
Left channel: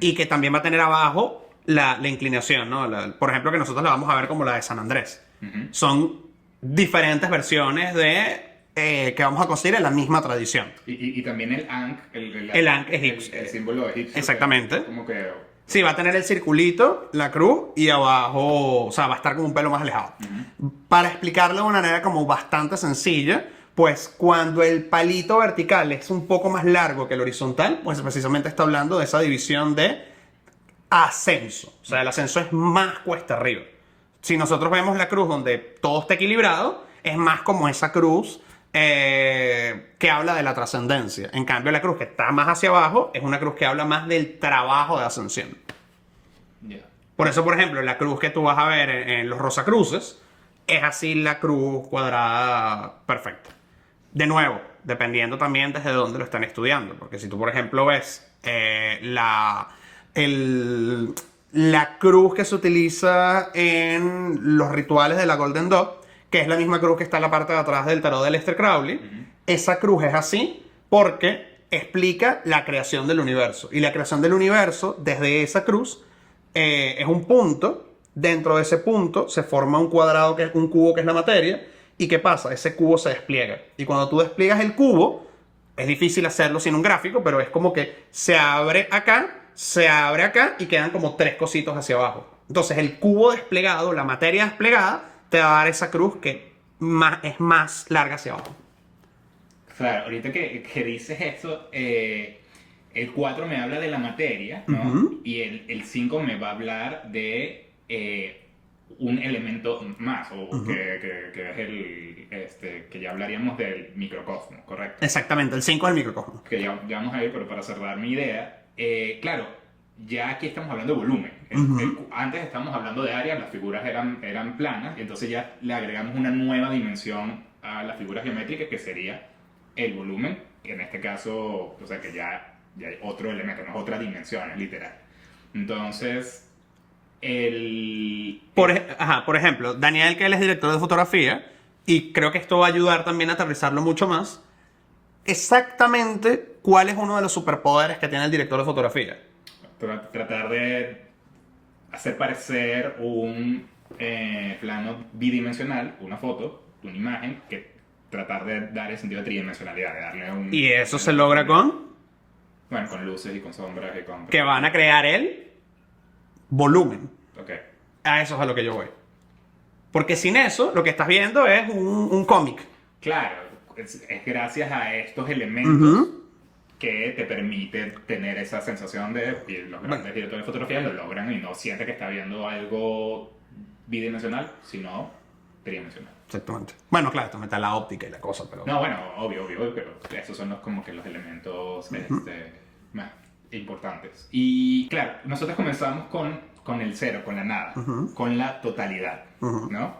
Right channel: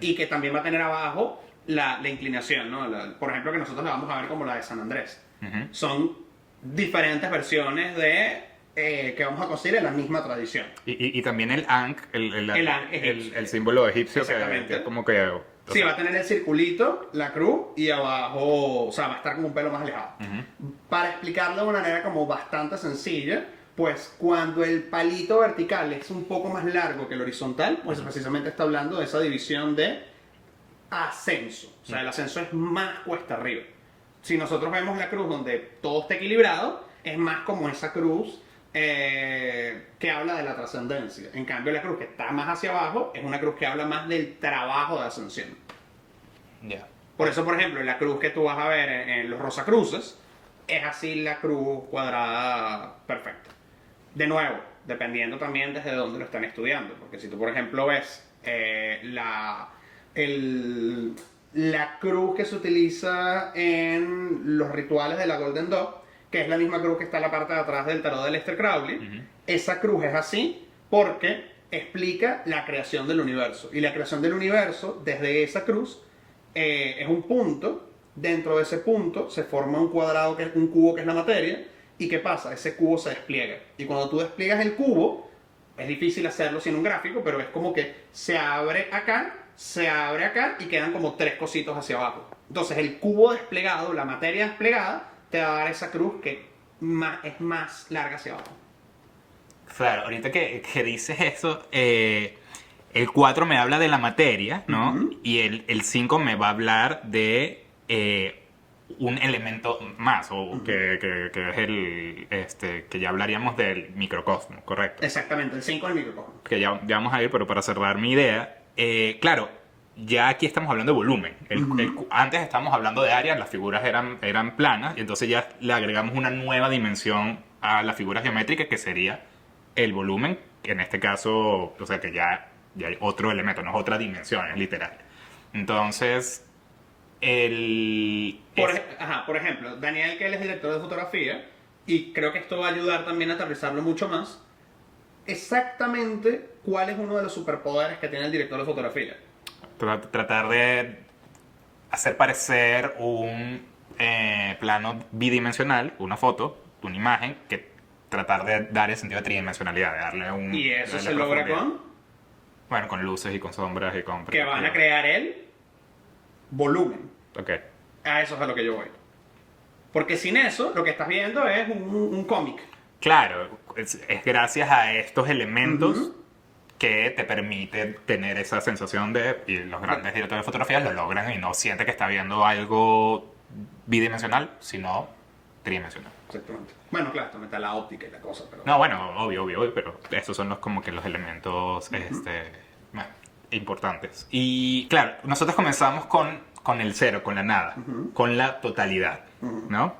y que también va a tener abajo la inclinación, ¿no? Por ejemplo, que nosotros la vamos a ver como la de San Andrés. Son diferentes versiones de que vamos a conseguir en la misma tradición. Y también el Ankh, El Ankh egipcio. el símbolo egipcio. Exactamente. Como que... Sí, va a tener el circulito, la cruz, y abajo, o sea, va a estar como un pelo más alejado. Para explicarlo de una manera como bastante sencilla, pues cuando el palito vertical es un poco más largo que el horizontal, pues precisamente está hablando de esa división de ascenso. O sea, el ascenso es más cuesta arriba. Si nosotros vemos la cruz donde todo está equilibrado, es más como esa cruz que habla de la trascendencia. En cambio, la cruz que está más hacia abajo es una cruz que habla más del trabajo de ascensión. Ya. Por eso, por ejemplo, la cruz que tú vas a ver en los Rosacruces es así la cruz cuadrada perfecta. De nuevo, dependiendo también desde dónde lo están estudiando. Porque si tú, por ejemplo, ves la cruz que se utiliza en los rituales de la Golden Dog, que es la misma cruz que está en la parte de atrás del tarot de Aleister Crowley, esa cruz es así porque explica la creación del universo. Y la creación del universo, desde esa cruz, es un punto. Dentro de ese punto se forma un cuadrado, que es un cubo, que es la materia. ¿Y qué pasa? Ese cubo se despliega. Y cuando tú despliegas el cubo, es difícil hacerlo sin un gráfico, pero es como que se abre acá y quedan como tres cositos hacia abajo. Entonces el cubo desplegado, la materia desplegada, te va a dar esa cruz que es más larga hacia abajo. Claro, ahorita que dices eso, el 4 me habla de la materia, ¿no? Y el 5 me va a hablar de un elemento más, o que es que ya hablaríamos del microcosmo, ¿correcto? Exactamente, el 5 es el microcosmo. Que ya vamos a ir, pero para cerrar mi idea, claro, ya aquí estamos hablando de volumen. Antes estábamos hablando de área, las figuras eran planas, y entonces ya le agregamos una nueva dimensión a la figura geométrica, que sería el volumen, que en este caso, o sea, que ya hay otro elemento, no es otra dimensión, es literal. Entonces, por ejemplo, Daniel, que él es director de fotografía, y creo que esto va a ayudar también a aterrizarlo mucho más. Exactamente, ¿cuál es uno de los superpoderes que tiene el director de fotografía? Tratar de hacer parecer un plano bidimensional, una foto, una imagen, que tratar de dar el sentido de tridimensionalidad, de darle un... ¿Y eso se logra con? Bueno, con luces y con sombras y con... Que van a crear el volumen. Ok. A eso es a lo que yo voy. Porque sin eso, lo que estás viendo es un cómic. Claro, es gracias a estos elementos que te permite tener esa sensación de... Y los grandes directores de fotografía lo logran y no siente que está viendo algo bidimensional, sino tridimensional. Exactamente. Bueno, claro, esto mete la óptica y la cosa, pero... No, bueno, obvio, pero esos son como que los elementos bueno, importantes. Y claro, nosotros comenzamos con el cero, con la nada, con la totalidad, ¿no?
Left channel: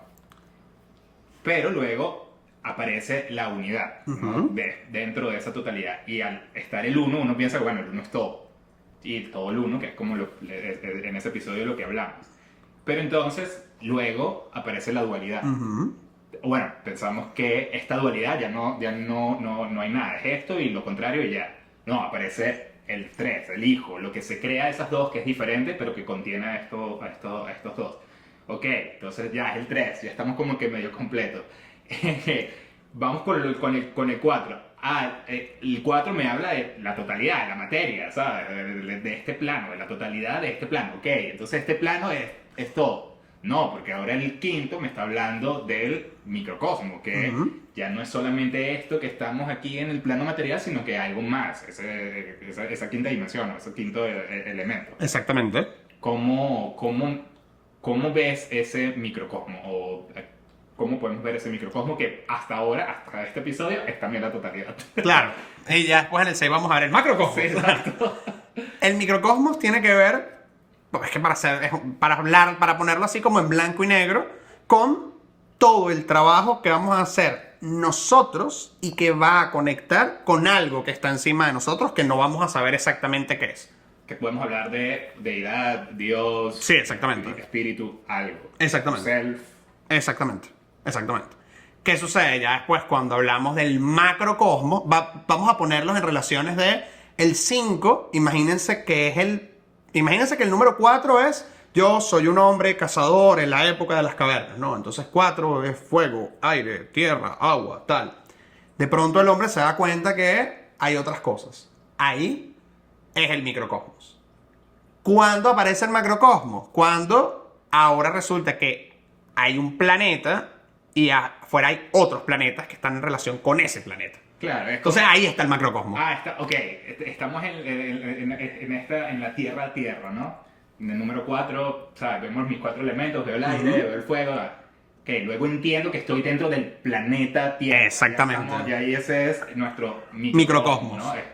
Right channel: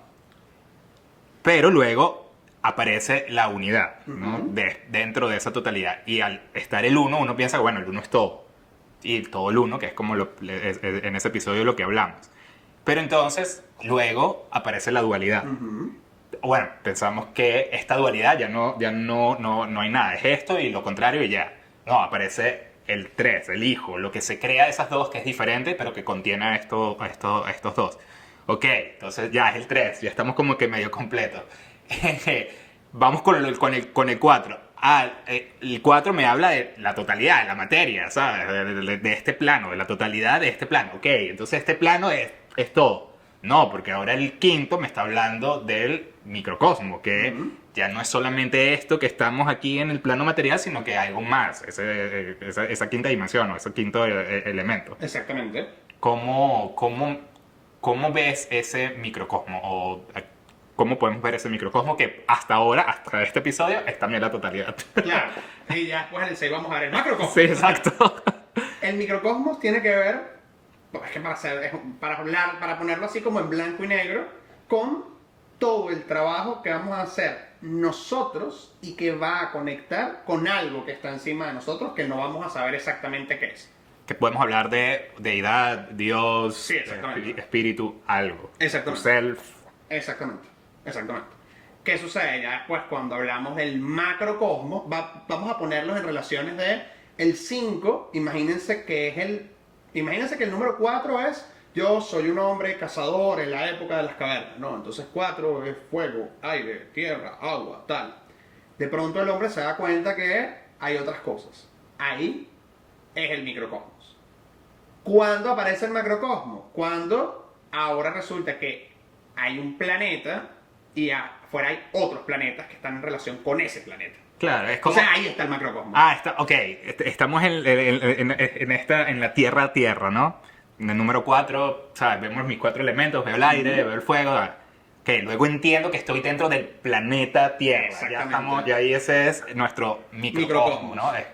Pero luego aparece la unidad, ¿no? Dentro de esa totalidad. Y al estar el uno, uno piensa, bueno, el uno es todo. Y todo el uno, que es como en ese episodio lo que hablamos. Pero entonces, luego aparece la dualidad. Bueno, pensamos que esta dualidad ya no hay nada. Es esto y lo contrario y ya. No, aparece el 3, el hijo, lo que se crea de esas dos, que es diferente, pero que contiene a estos dos. Ok, entonces ya es el 3, ya estamos como que medio completos. Vamos con el 4. El 4 me habla de la totalidad, de la materia, ¿sabes? De este plano, de la totalidad de este plano. Ok, entonces este plano es todo. No, porque ahora el quinto me está hablando del microcosmo, que ya no es solamente esto que estamos aquí en el plano material, sino que hay algo más, esa quinta dimensión o ese quinto elemento. Exactamente. ¿Cómo ves ese microcosmo? ¿O cómo podemos ver ese microcosmo que hasta ahora, hasta este episodio, es también la totalidad? Claro. Y ya después en el 6 vamos a ver el macrocosmos. Sí, exacto. El microcosmos tiene que ver, es que para ponerlo así como en blanco y negro, con todo el trabajo que vamos a hacer nosotros y que va a conectar con algo que está encima de nosotros que no vamos a saber exactamente qué es. Que podemos hablar de deidad, Dios, sí, exactamente. Espíritu, algo. Exactamente. Self. Exactamente. ¿Qué sucede ya después cuando hablamos del macrocosmos? Vamos a ponerlos en relaciones de el 5, imagínense que el número 4 es yo soy un hombre cazador en la época de las cavernas, ¿no? Entonces 4 es fuego, aire, tierra, agua, tal. De pronto el hombre se da cuenta que hay otras cosas. Ahí es el microcosmos. ¿Cuándo aparece el macrocosmos? Cuando ahora resulta que hay un planeta y afuera hay otros planetas que están en relación con ese planeta. Claro, es O como... sea, ahí está el macrocosmos. Ok. Estamos en la Tierra, ¿no? En el número 4, ¿sabes? Vemos mis 4 elementos, veo el aire, veo el fuego, ¿sabes? Ok, luego entiendo que estoy dentro del planeta Tierra. Exactamente. Ya ahí ese es nuestro Microcosmos. ¿no? Es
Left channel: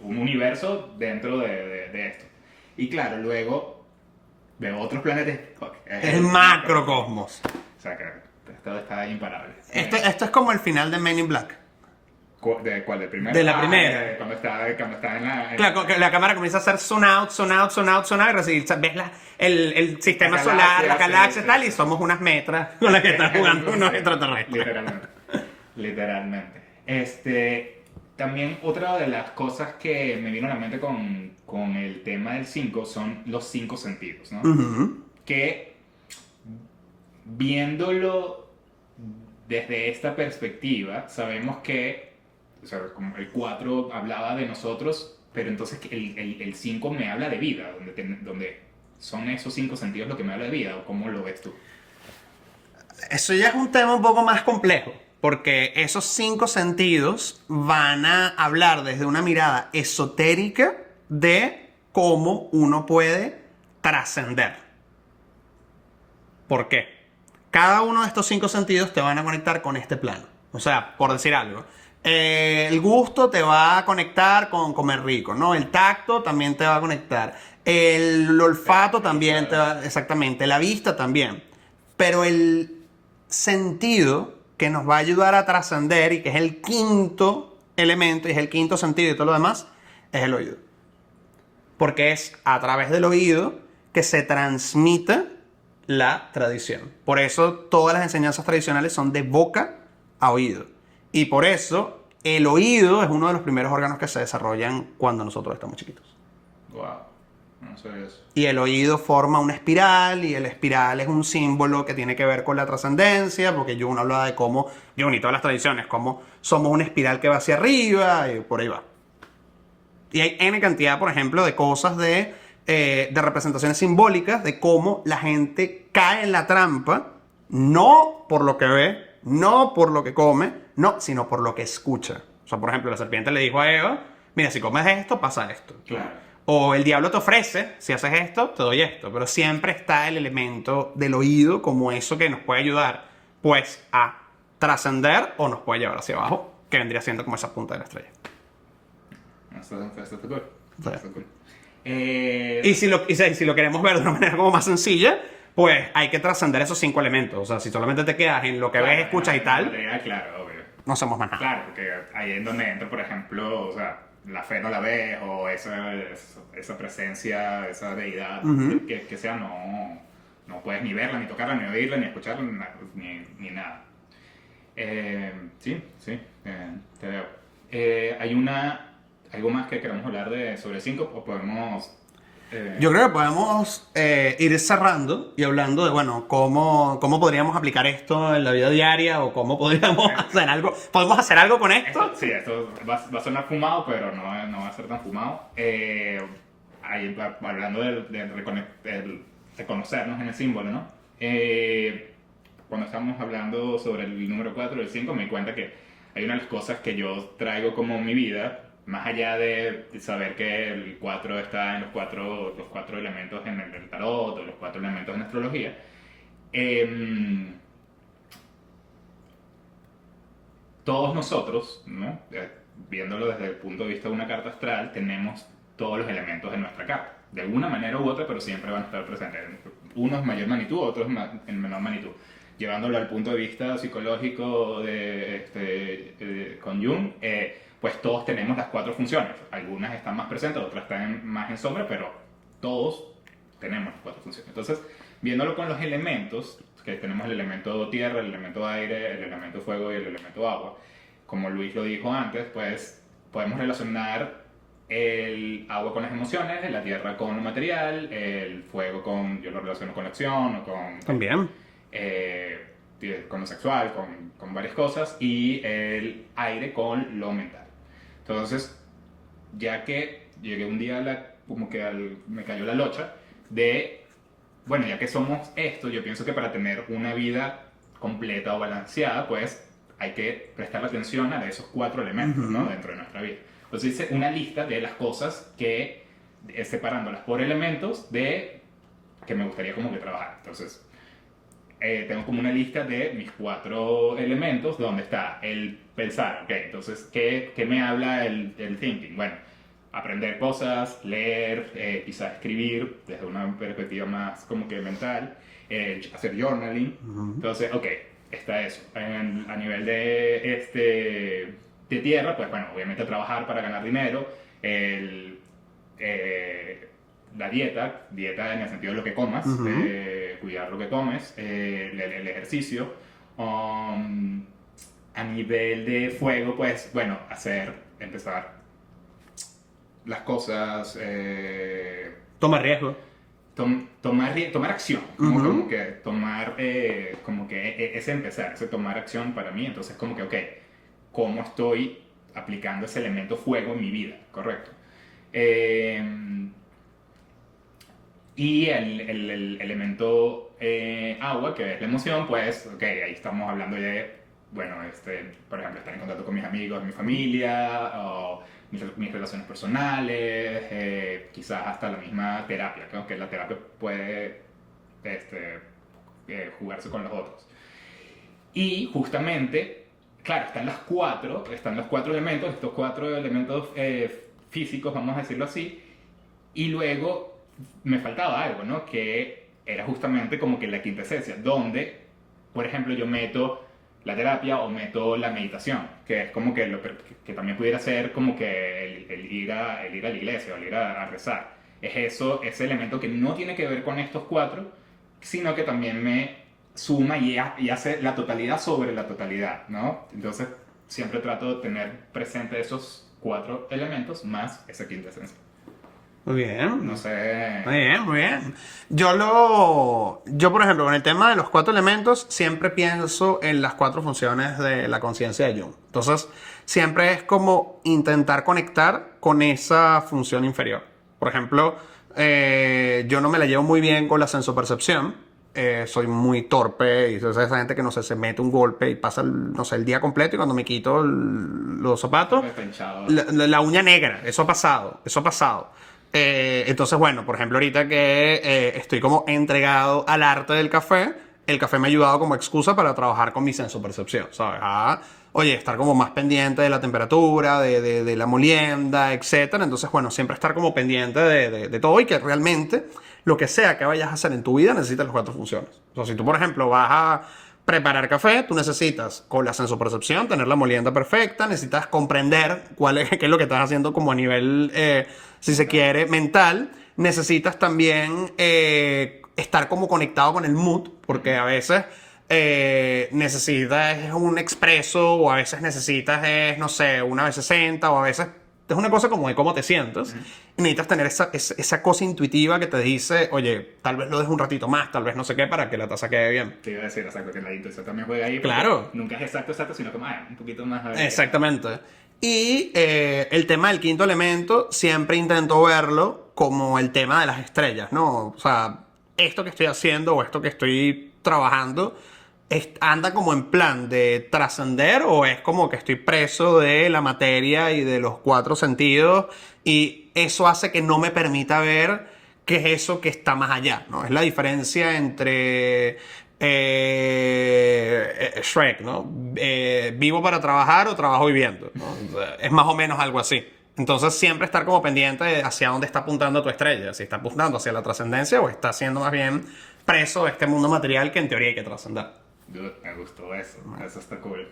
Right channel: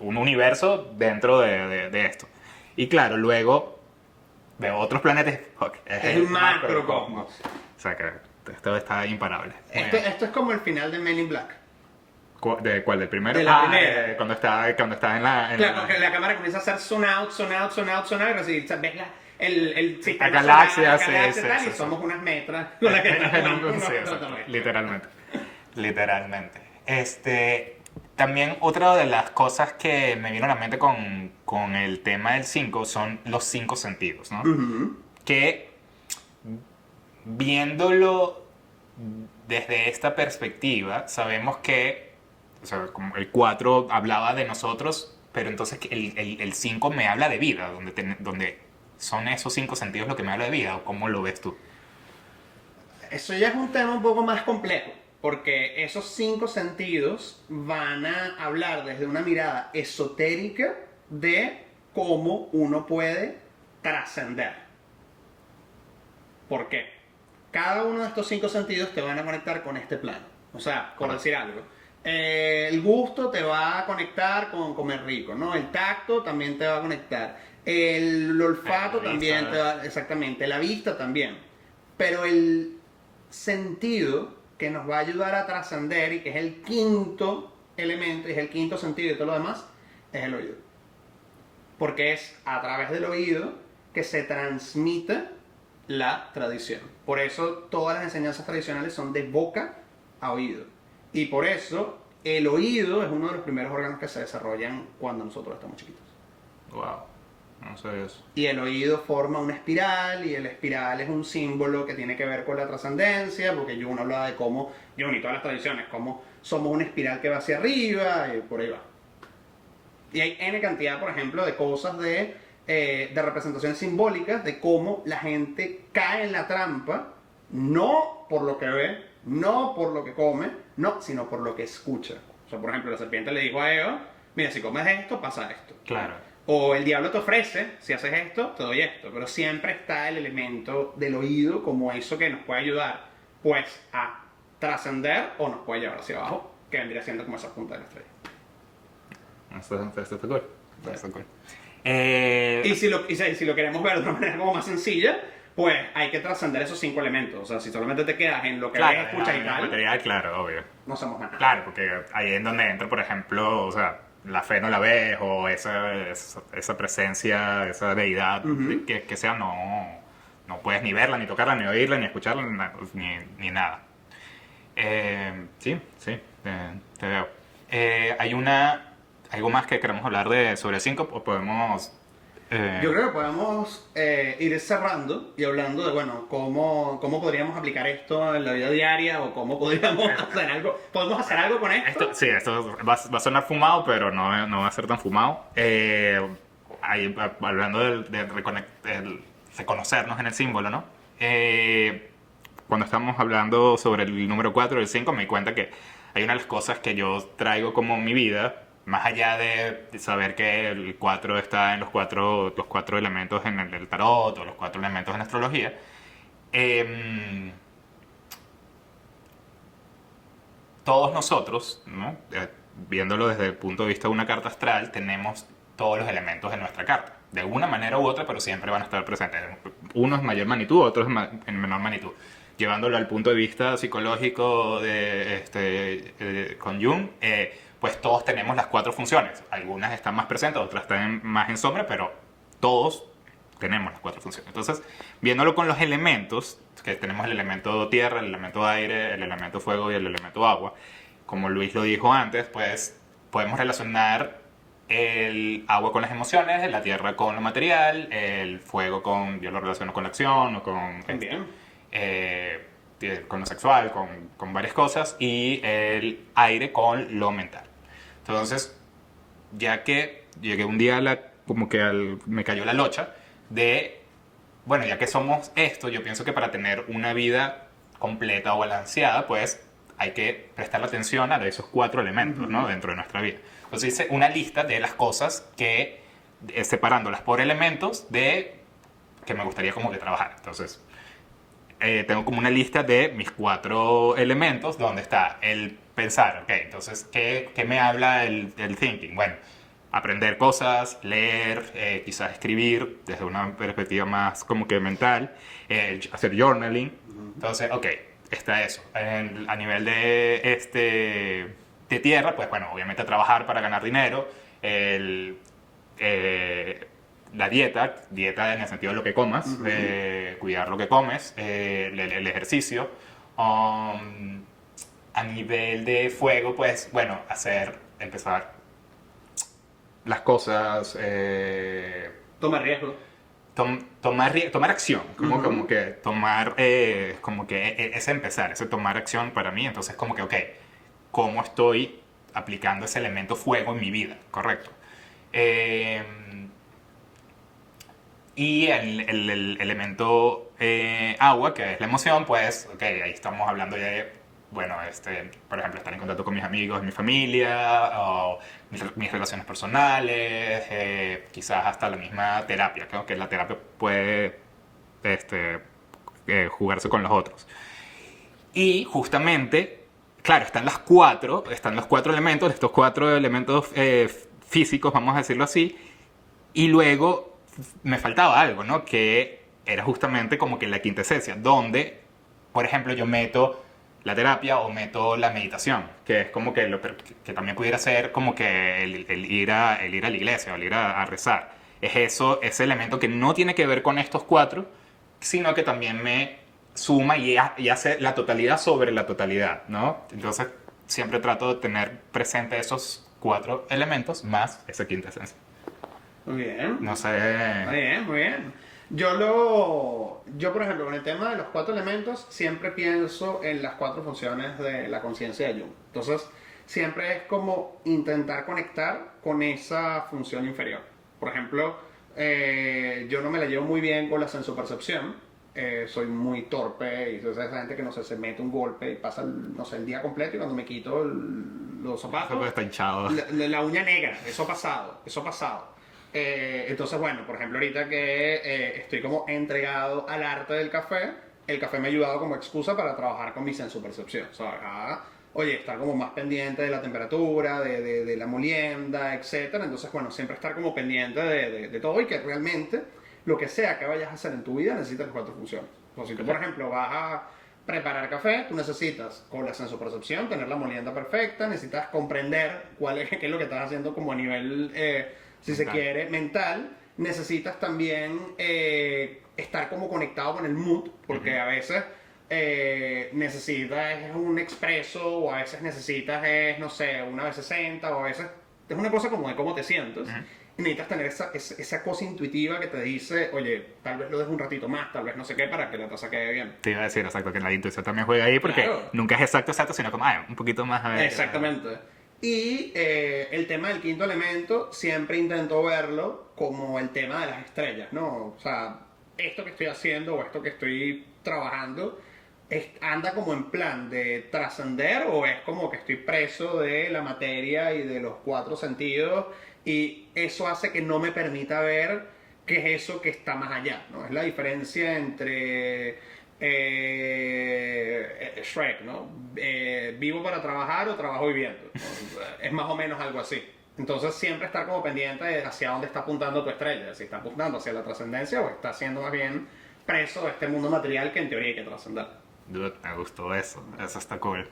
un universo dentro de esto. Y claro, luego veo otros planetas. Ok, es El macrocosmos. O sea que esto está imparable. Esto es como el final de Men in Black. ¿De cuál? ¿Del primero? De la primera. Cuando está en la... Claro, que la cámara comienza a hacer zoom out, zoom out, zoom out, zoom out, y ves el sistema La solar, galaxia, la galaxia sí, y tal, sí, y sí. somos unas metras con las que están jugando unos Sí, extraterrestres. Literalmente. También otra de las cosas que me vino a la mente con el tema del 5 son los 5 sentidos, ¿no? Ujú. Que viéndolo desde esta perspectiva, sabemos que, o sea, como el 4 hablaba de nosotros, pero entonces el 5 me habla de vida, donde son esos 5 sentidos lo que me habla de vida, ¿o cómo lo ves tú? Eso ya es un tema un poco más complejo, porque esos 5 sentidos van a hablar desde una mirada esotérica de cómo uno puede trascender. ¿Por qué? Cada uno de estos 5 sentidos te van a conectar con este plano. O sea, por decir algo, el gusto te va a conectar con comer rico, ¿no? El tacto también te va a conectar. El olfato La también vista. te va... Exactamente, la vista también. Pero el sentido que nos va a ayudar a trascender y que es el quinto elemento y es el quinto sentido y todo lo demás, es el oído. Porque es a través del oído que se transmite la tradición. Por eso todas las enseñanzas tradicionales son de boca a oído. Y por eso el oído es uno de los primeros órganos que se desarrollan cuando nosotros estamos chiquitos. Wow, no sé eso. Y el oído forma una espiral, y el espiral es un símbolo que tiene que ver con la trascendencia, porque Jung habla de cómo, Jung y todas las tradiciones, cómo somos una espiral que va hacia arriba, y por ahí va. Y hay N cantidad, por ejemplo, de cosas de representaciones simbólicas de cómo la gente cae en la trampa, no por lo que ve, no por lo que come, no, sino por lo que escucha. O sea, por ejemplo, la serpiente le dijo a Eva, mira, si comes esto, pasa esto. Claro. O el diablo te ofrece, si haces esto, te doy esto. Pero siempre está el elemento del oído como eso que nos puede ayudar, pues, a trascender o nos puede llevar hacia abajo, que vendría siendo como esa punta de la estrella. Esto está cool. Sí. Está cool. Y si lo queremos ver de una manera como más sencilla, pues hay que trascender esos 5 elementos. O sea, si solamente te quedas en lo que ves, escuchas y tal, Material, claro, obvio. no somos más nada. Claro, porque ahí es donde entra, por ejemplo, o sea, la fe no la ves, o esa presencia, esa deidad, que sea, no puedes ni verla, ni tocarla, ni oírla, ni escucharla, ni nada. Sí, te veo. Hay algo más que queremos hablar sobre el 5, o podemos... Yo creo que podemos ir cerrando y hablando de, bueno, cómo podríamos aplicar esto en la vida diaria o cómo podríamos hacer algo. ¿Podemos hacer algo con esto? Esto va a sonar fumado, pero no va a ser tan fumado. Hablando de reconocernos en el símbolo, ¿no? Cuando estamos hablando sobre el número 4 y el 5, me di cuenta que hay una de las cosas que yo traigo como mi vida, más allá de saber que el 4 está en los cuatro elementos en el tarot o los 4 elementos en astrología. Todos nosotros, ¿no? Viéndolo desde el punto de vista de una carta astral, tenemos todos los elementos de nuestra carta. De una manera u otra, pero siempre van a estar presentes. Unos en mayor magnitud, otros en menor magnitud. Llevándolo al punto de vista psicológico con Jung, pues todos tenemos las 4 funciones. Algunas están más presentes, otras están más en sombra, pero todos tenemos las 4 funciones. Entonces, viéndolo con los elementos, que tenemos el elemento tierra, el elemento aire, el elemento fuego y el elemento agua, como Luis lo dijo antes, pues podemos relacionar el agua con las emociones, la tierra con lo material, el fuego yo lo relaciono con la acción o con... Bien. con lo sexual, con varias cosas, y el aire con lo mental. Entonces, ya que llegué un día como que me cayó la locha de, bueno, ya que somos esto, yo pienso que para tener una vida completa o balanceada, pues hay que prestar atención a esos 4 elementos, ¿no? Dentro de nuestra vida. Entonces hice una lista de las cosas que, separándolas por elementos, de que me gustaría como que trabajar. Entonces, tengo como una lista de mis 4 elementos, donde está el pensar, ok, entonces, ¿qué me habla el thinking? Bueno, aprender cosas, leer, quizás escribir desde una perspectiva más como que mental, hacer journaling. Entonces, ok, está eso. A nivel de tierra, pues bueno, obviamente trabajar para ganar dinero, la dieta en el sentido de lo que comas, cuidar lo que comes, el ejercicio. A nivel de fuego, pues bueno, empezar las cosas, Toma riesgo. tomar acción, como que tomar, como que ese empezar, ese tomar acción para mí, entonces como que, ok, ¿cómo estoy aplicando ese elemento fuego en mi vida? Correcto. Y el elemento agua, que es la emoción, pues, ok, ahí estamos hablando de, bueno, por ejemplo, estar en contacto con mis amigos, mi familia, o mis relaciones personales, quizás hasta la misma terapia, creo que la terapia puede jugarse con los otros. Y justamente, claro, están los 4 elementos, estos 4 elementos físicos, vamos a decirlo así, y luego me faltaba algo, ¿no? Que era justamente como que la quintesencia, donde, por ejemplo, yo meto la terapia o meto la meditación, que es como que, que también pudiera ser como que el ir a la iglesia o el ir a rezar. Es eso, ese elemento que no tiene que ver con estos 4, sino que también me suma y hace la totalidad sobre la totalidad, ¿no? Entonces, siempre trato de tener presente esos 4 elementos más esa quintesencia. Muy bien. No sé. Muy bien, muy bien. Yo, por ejemplo, con el tema de los 4 elementos, siempre pienso en las 4 funciones de la conciencia de Jung. Entonces, siempre es como intentar conectar con esa función inferior. Por ejemplo, yo no me la llevo muy bien con la sensopercepción. Soy muy torpe y esa gente que, no sé, se mete un golpe y pasa, no sé, el día completo, y cuando me quito los zapatos, Está hinchado. la uña negra. Eso ha pasado. Entonces, bueno, por ejemplo, ahorita que estoy como entregado al arte del café, el café me ha ayudado como excusa para trabajar con mi sensopercepción, ¿sabes? Oye, estar como más pendiente de la temperatura, de la molienda, etcétera. Entonces, bueno, siempre estar como pendiente de todo, y que realmente lo que sea que vayas a hacer en tu vida necesitas las 4 funciones. O sea, si tú, por ejemplo, vas a preparar café, tú necesitas, con la sensopercepción, tener la molienda perfecta, necesitas comprender qué es lo que estás haciendo como a nivel, si se quiere, mental. Necesitas también estar como conectado con el mood, porque a veces necesitas un expreso, o a veces necesitas, no sé, una B60, o a veces es una cosa como de cómo te sientes. Y necesitas tener esa cosa intuitiva que te dice, oye, tal vez lo dejes un ratito más, tal vez no sé qué, para que la taza quede bien. Te iba a decir, exacto, que la intuición también juega ahí, porque Claro. nunca es exacto, sino como, un poquito más. A ver. Exactamente. Y el tema del 5.º elemento, siempre intento verlo como el tema de las estrellas, ¿no? O sea, esto que estoy haciendo o esto que estoy trabajando, anda como en plan de trascender, o es como que estoy preso de la materia y de los 4 sentidos, y eso hace que no me permita ver qué es eso que está más allá, ¿no? Es la diferencia entre Shrek, ¿no? Vivo para trabajar o trabajo viviendo, ¿no? Es más o menos algo así. Entonces, siempre estar como pendiente de hacia dónde está apuntando tu estrella, si está apuntando hacia la trascendencia o está siendo más bien preso de este mundo material que en teoría hay que trascender. Dude, me gustó eso. Eso está cool.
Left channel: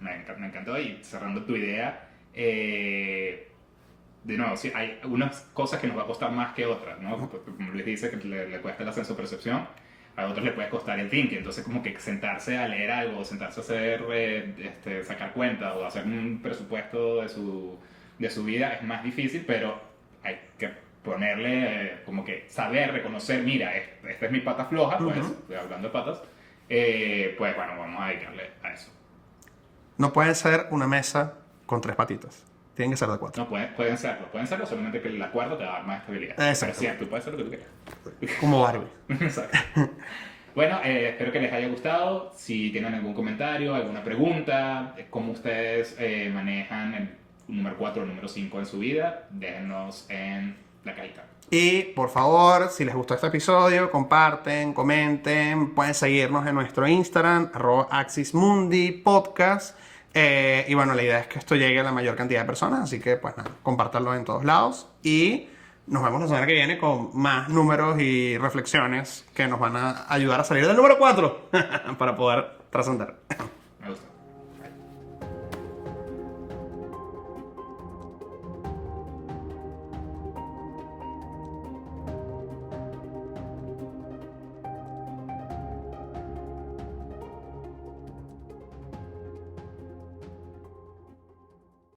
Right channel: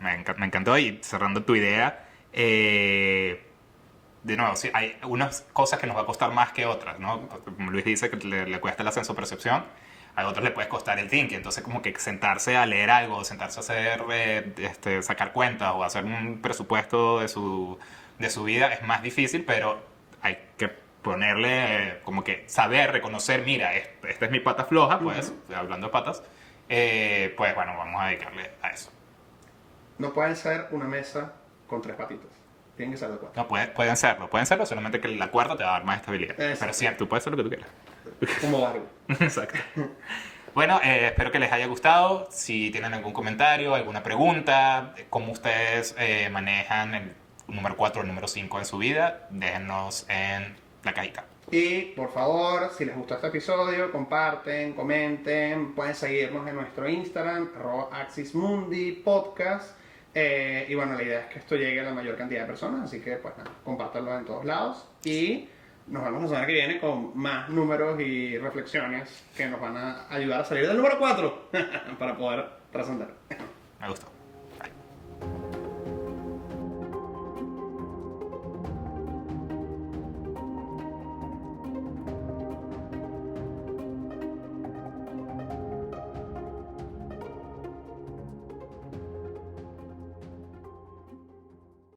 Me encantó. Y cerrando tu idea, de nuevo, sí, hay unas cosas que nos va a costar más que otras, ¿no? Como Luis dice que le cuesta la sensopercepción, a otros le puede costar el thinking. Entonces, como que sentarse a leer algo, sentarse a hacer, sacar cuentas o hacer un presupuesto de su vida es más difícil, pero hay que ponerle, como que saber reconocer, mira, esta es mi pata floja, pues, hablando de patas, pues bueno, vamos a dedicarle a eso. No pueden ser una mesa con 3 patitas. Tienen que ser de 4. No, pueden serlo, solamente que la cuerda te va a dar más estabilidad. Exacto. Pero sí, tú puedes hacer lo que tú quieras. Como Barbie. Exacto. Bueno, espero que les haya gustado. Si tienen algún comentario, alguna pregunta, cómo ustedes manejan el número 4 o el número 5 en su vida, déjenos en la cajita. Y por favor, si les gustó este episodio, comparten, comenten, pueden seguirnos en nuestro Instagram, @axismundipodcast. Y bueno, la idea es que esto llegue a la mayor cantidad de personas, así que pues nada, compártanlo en todos lados. Y nos vemos la semana que viene con más números y reflexiones que nos van a ayudar a salir del número 4 para poder trascender.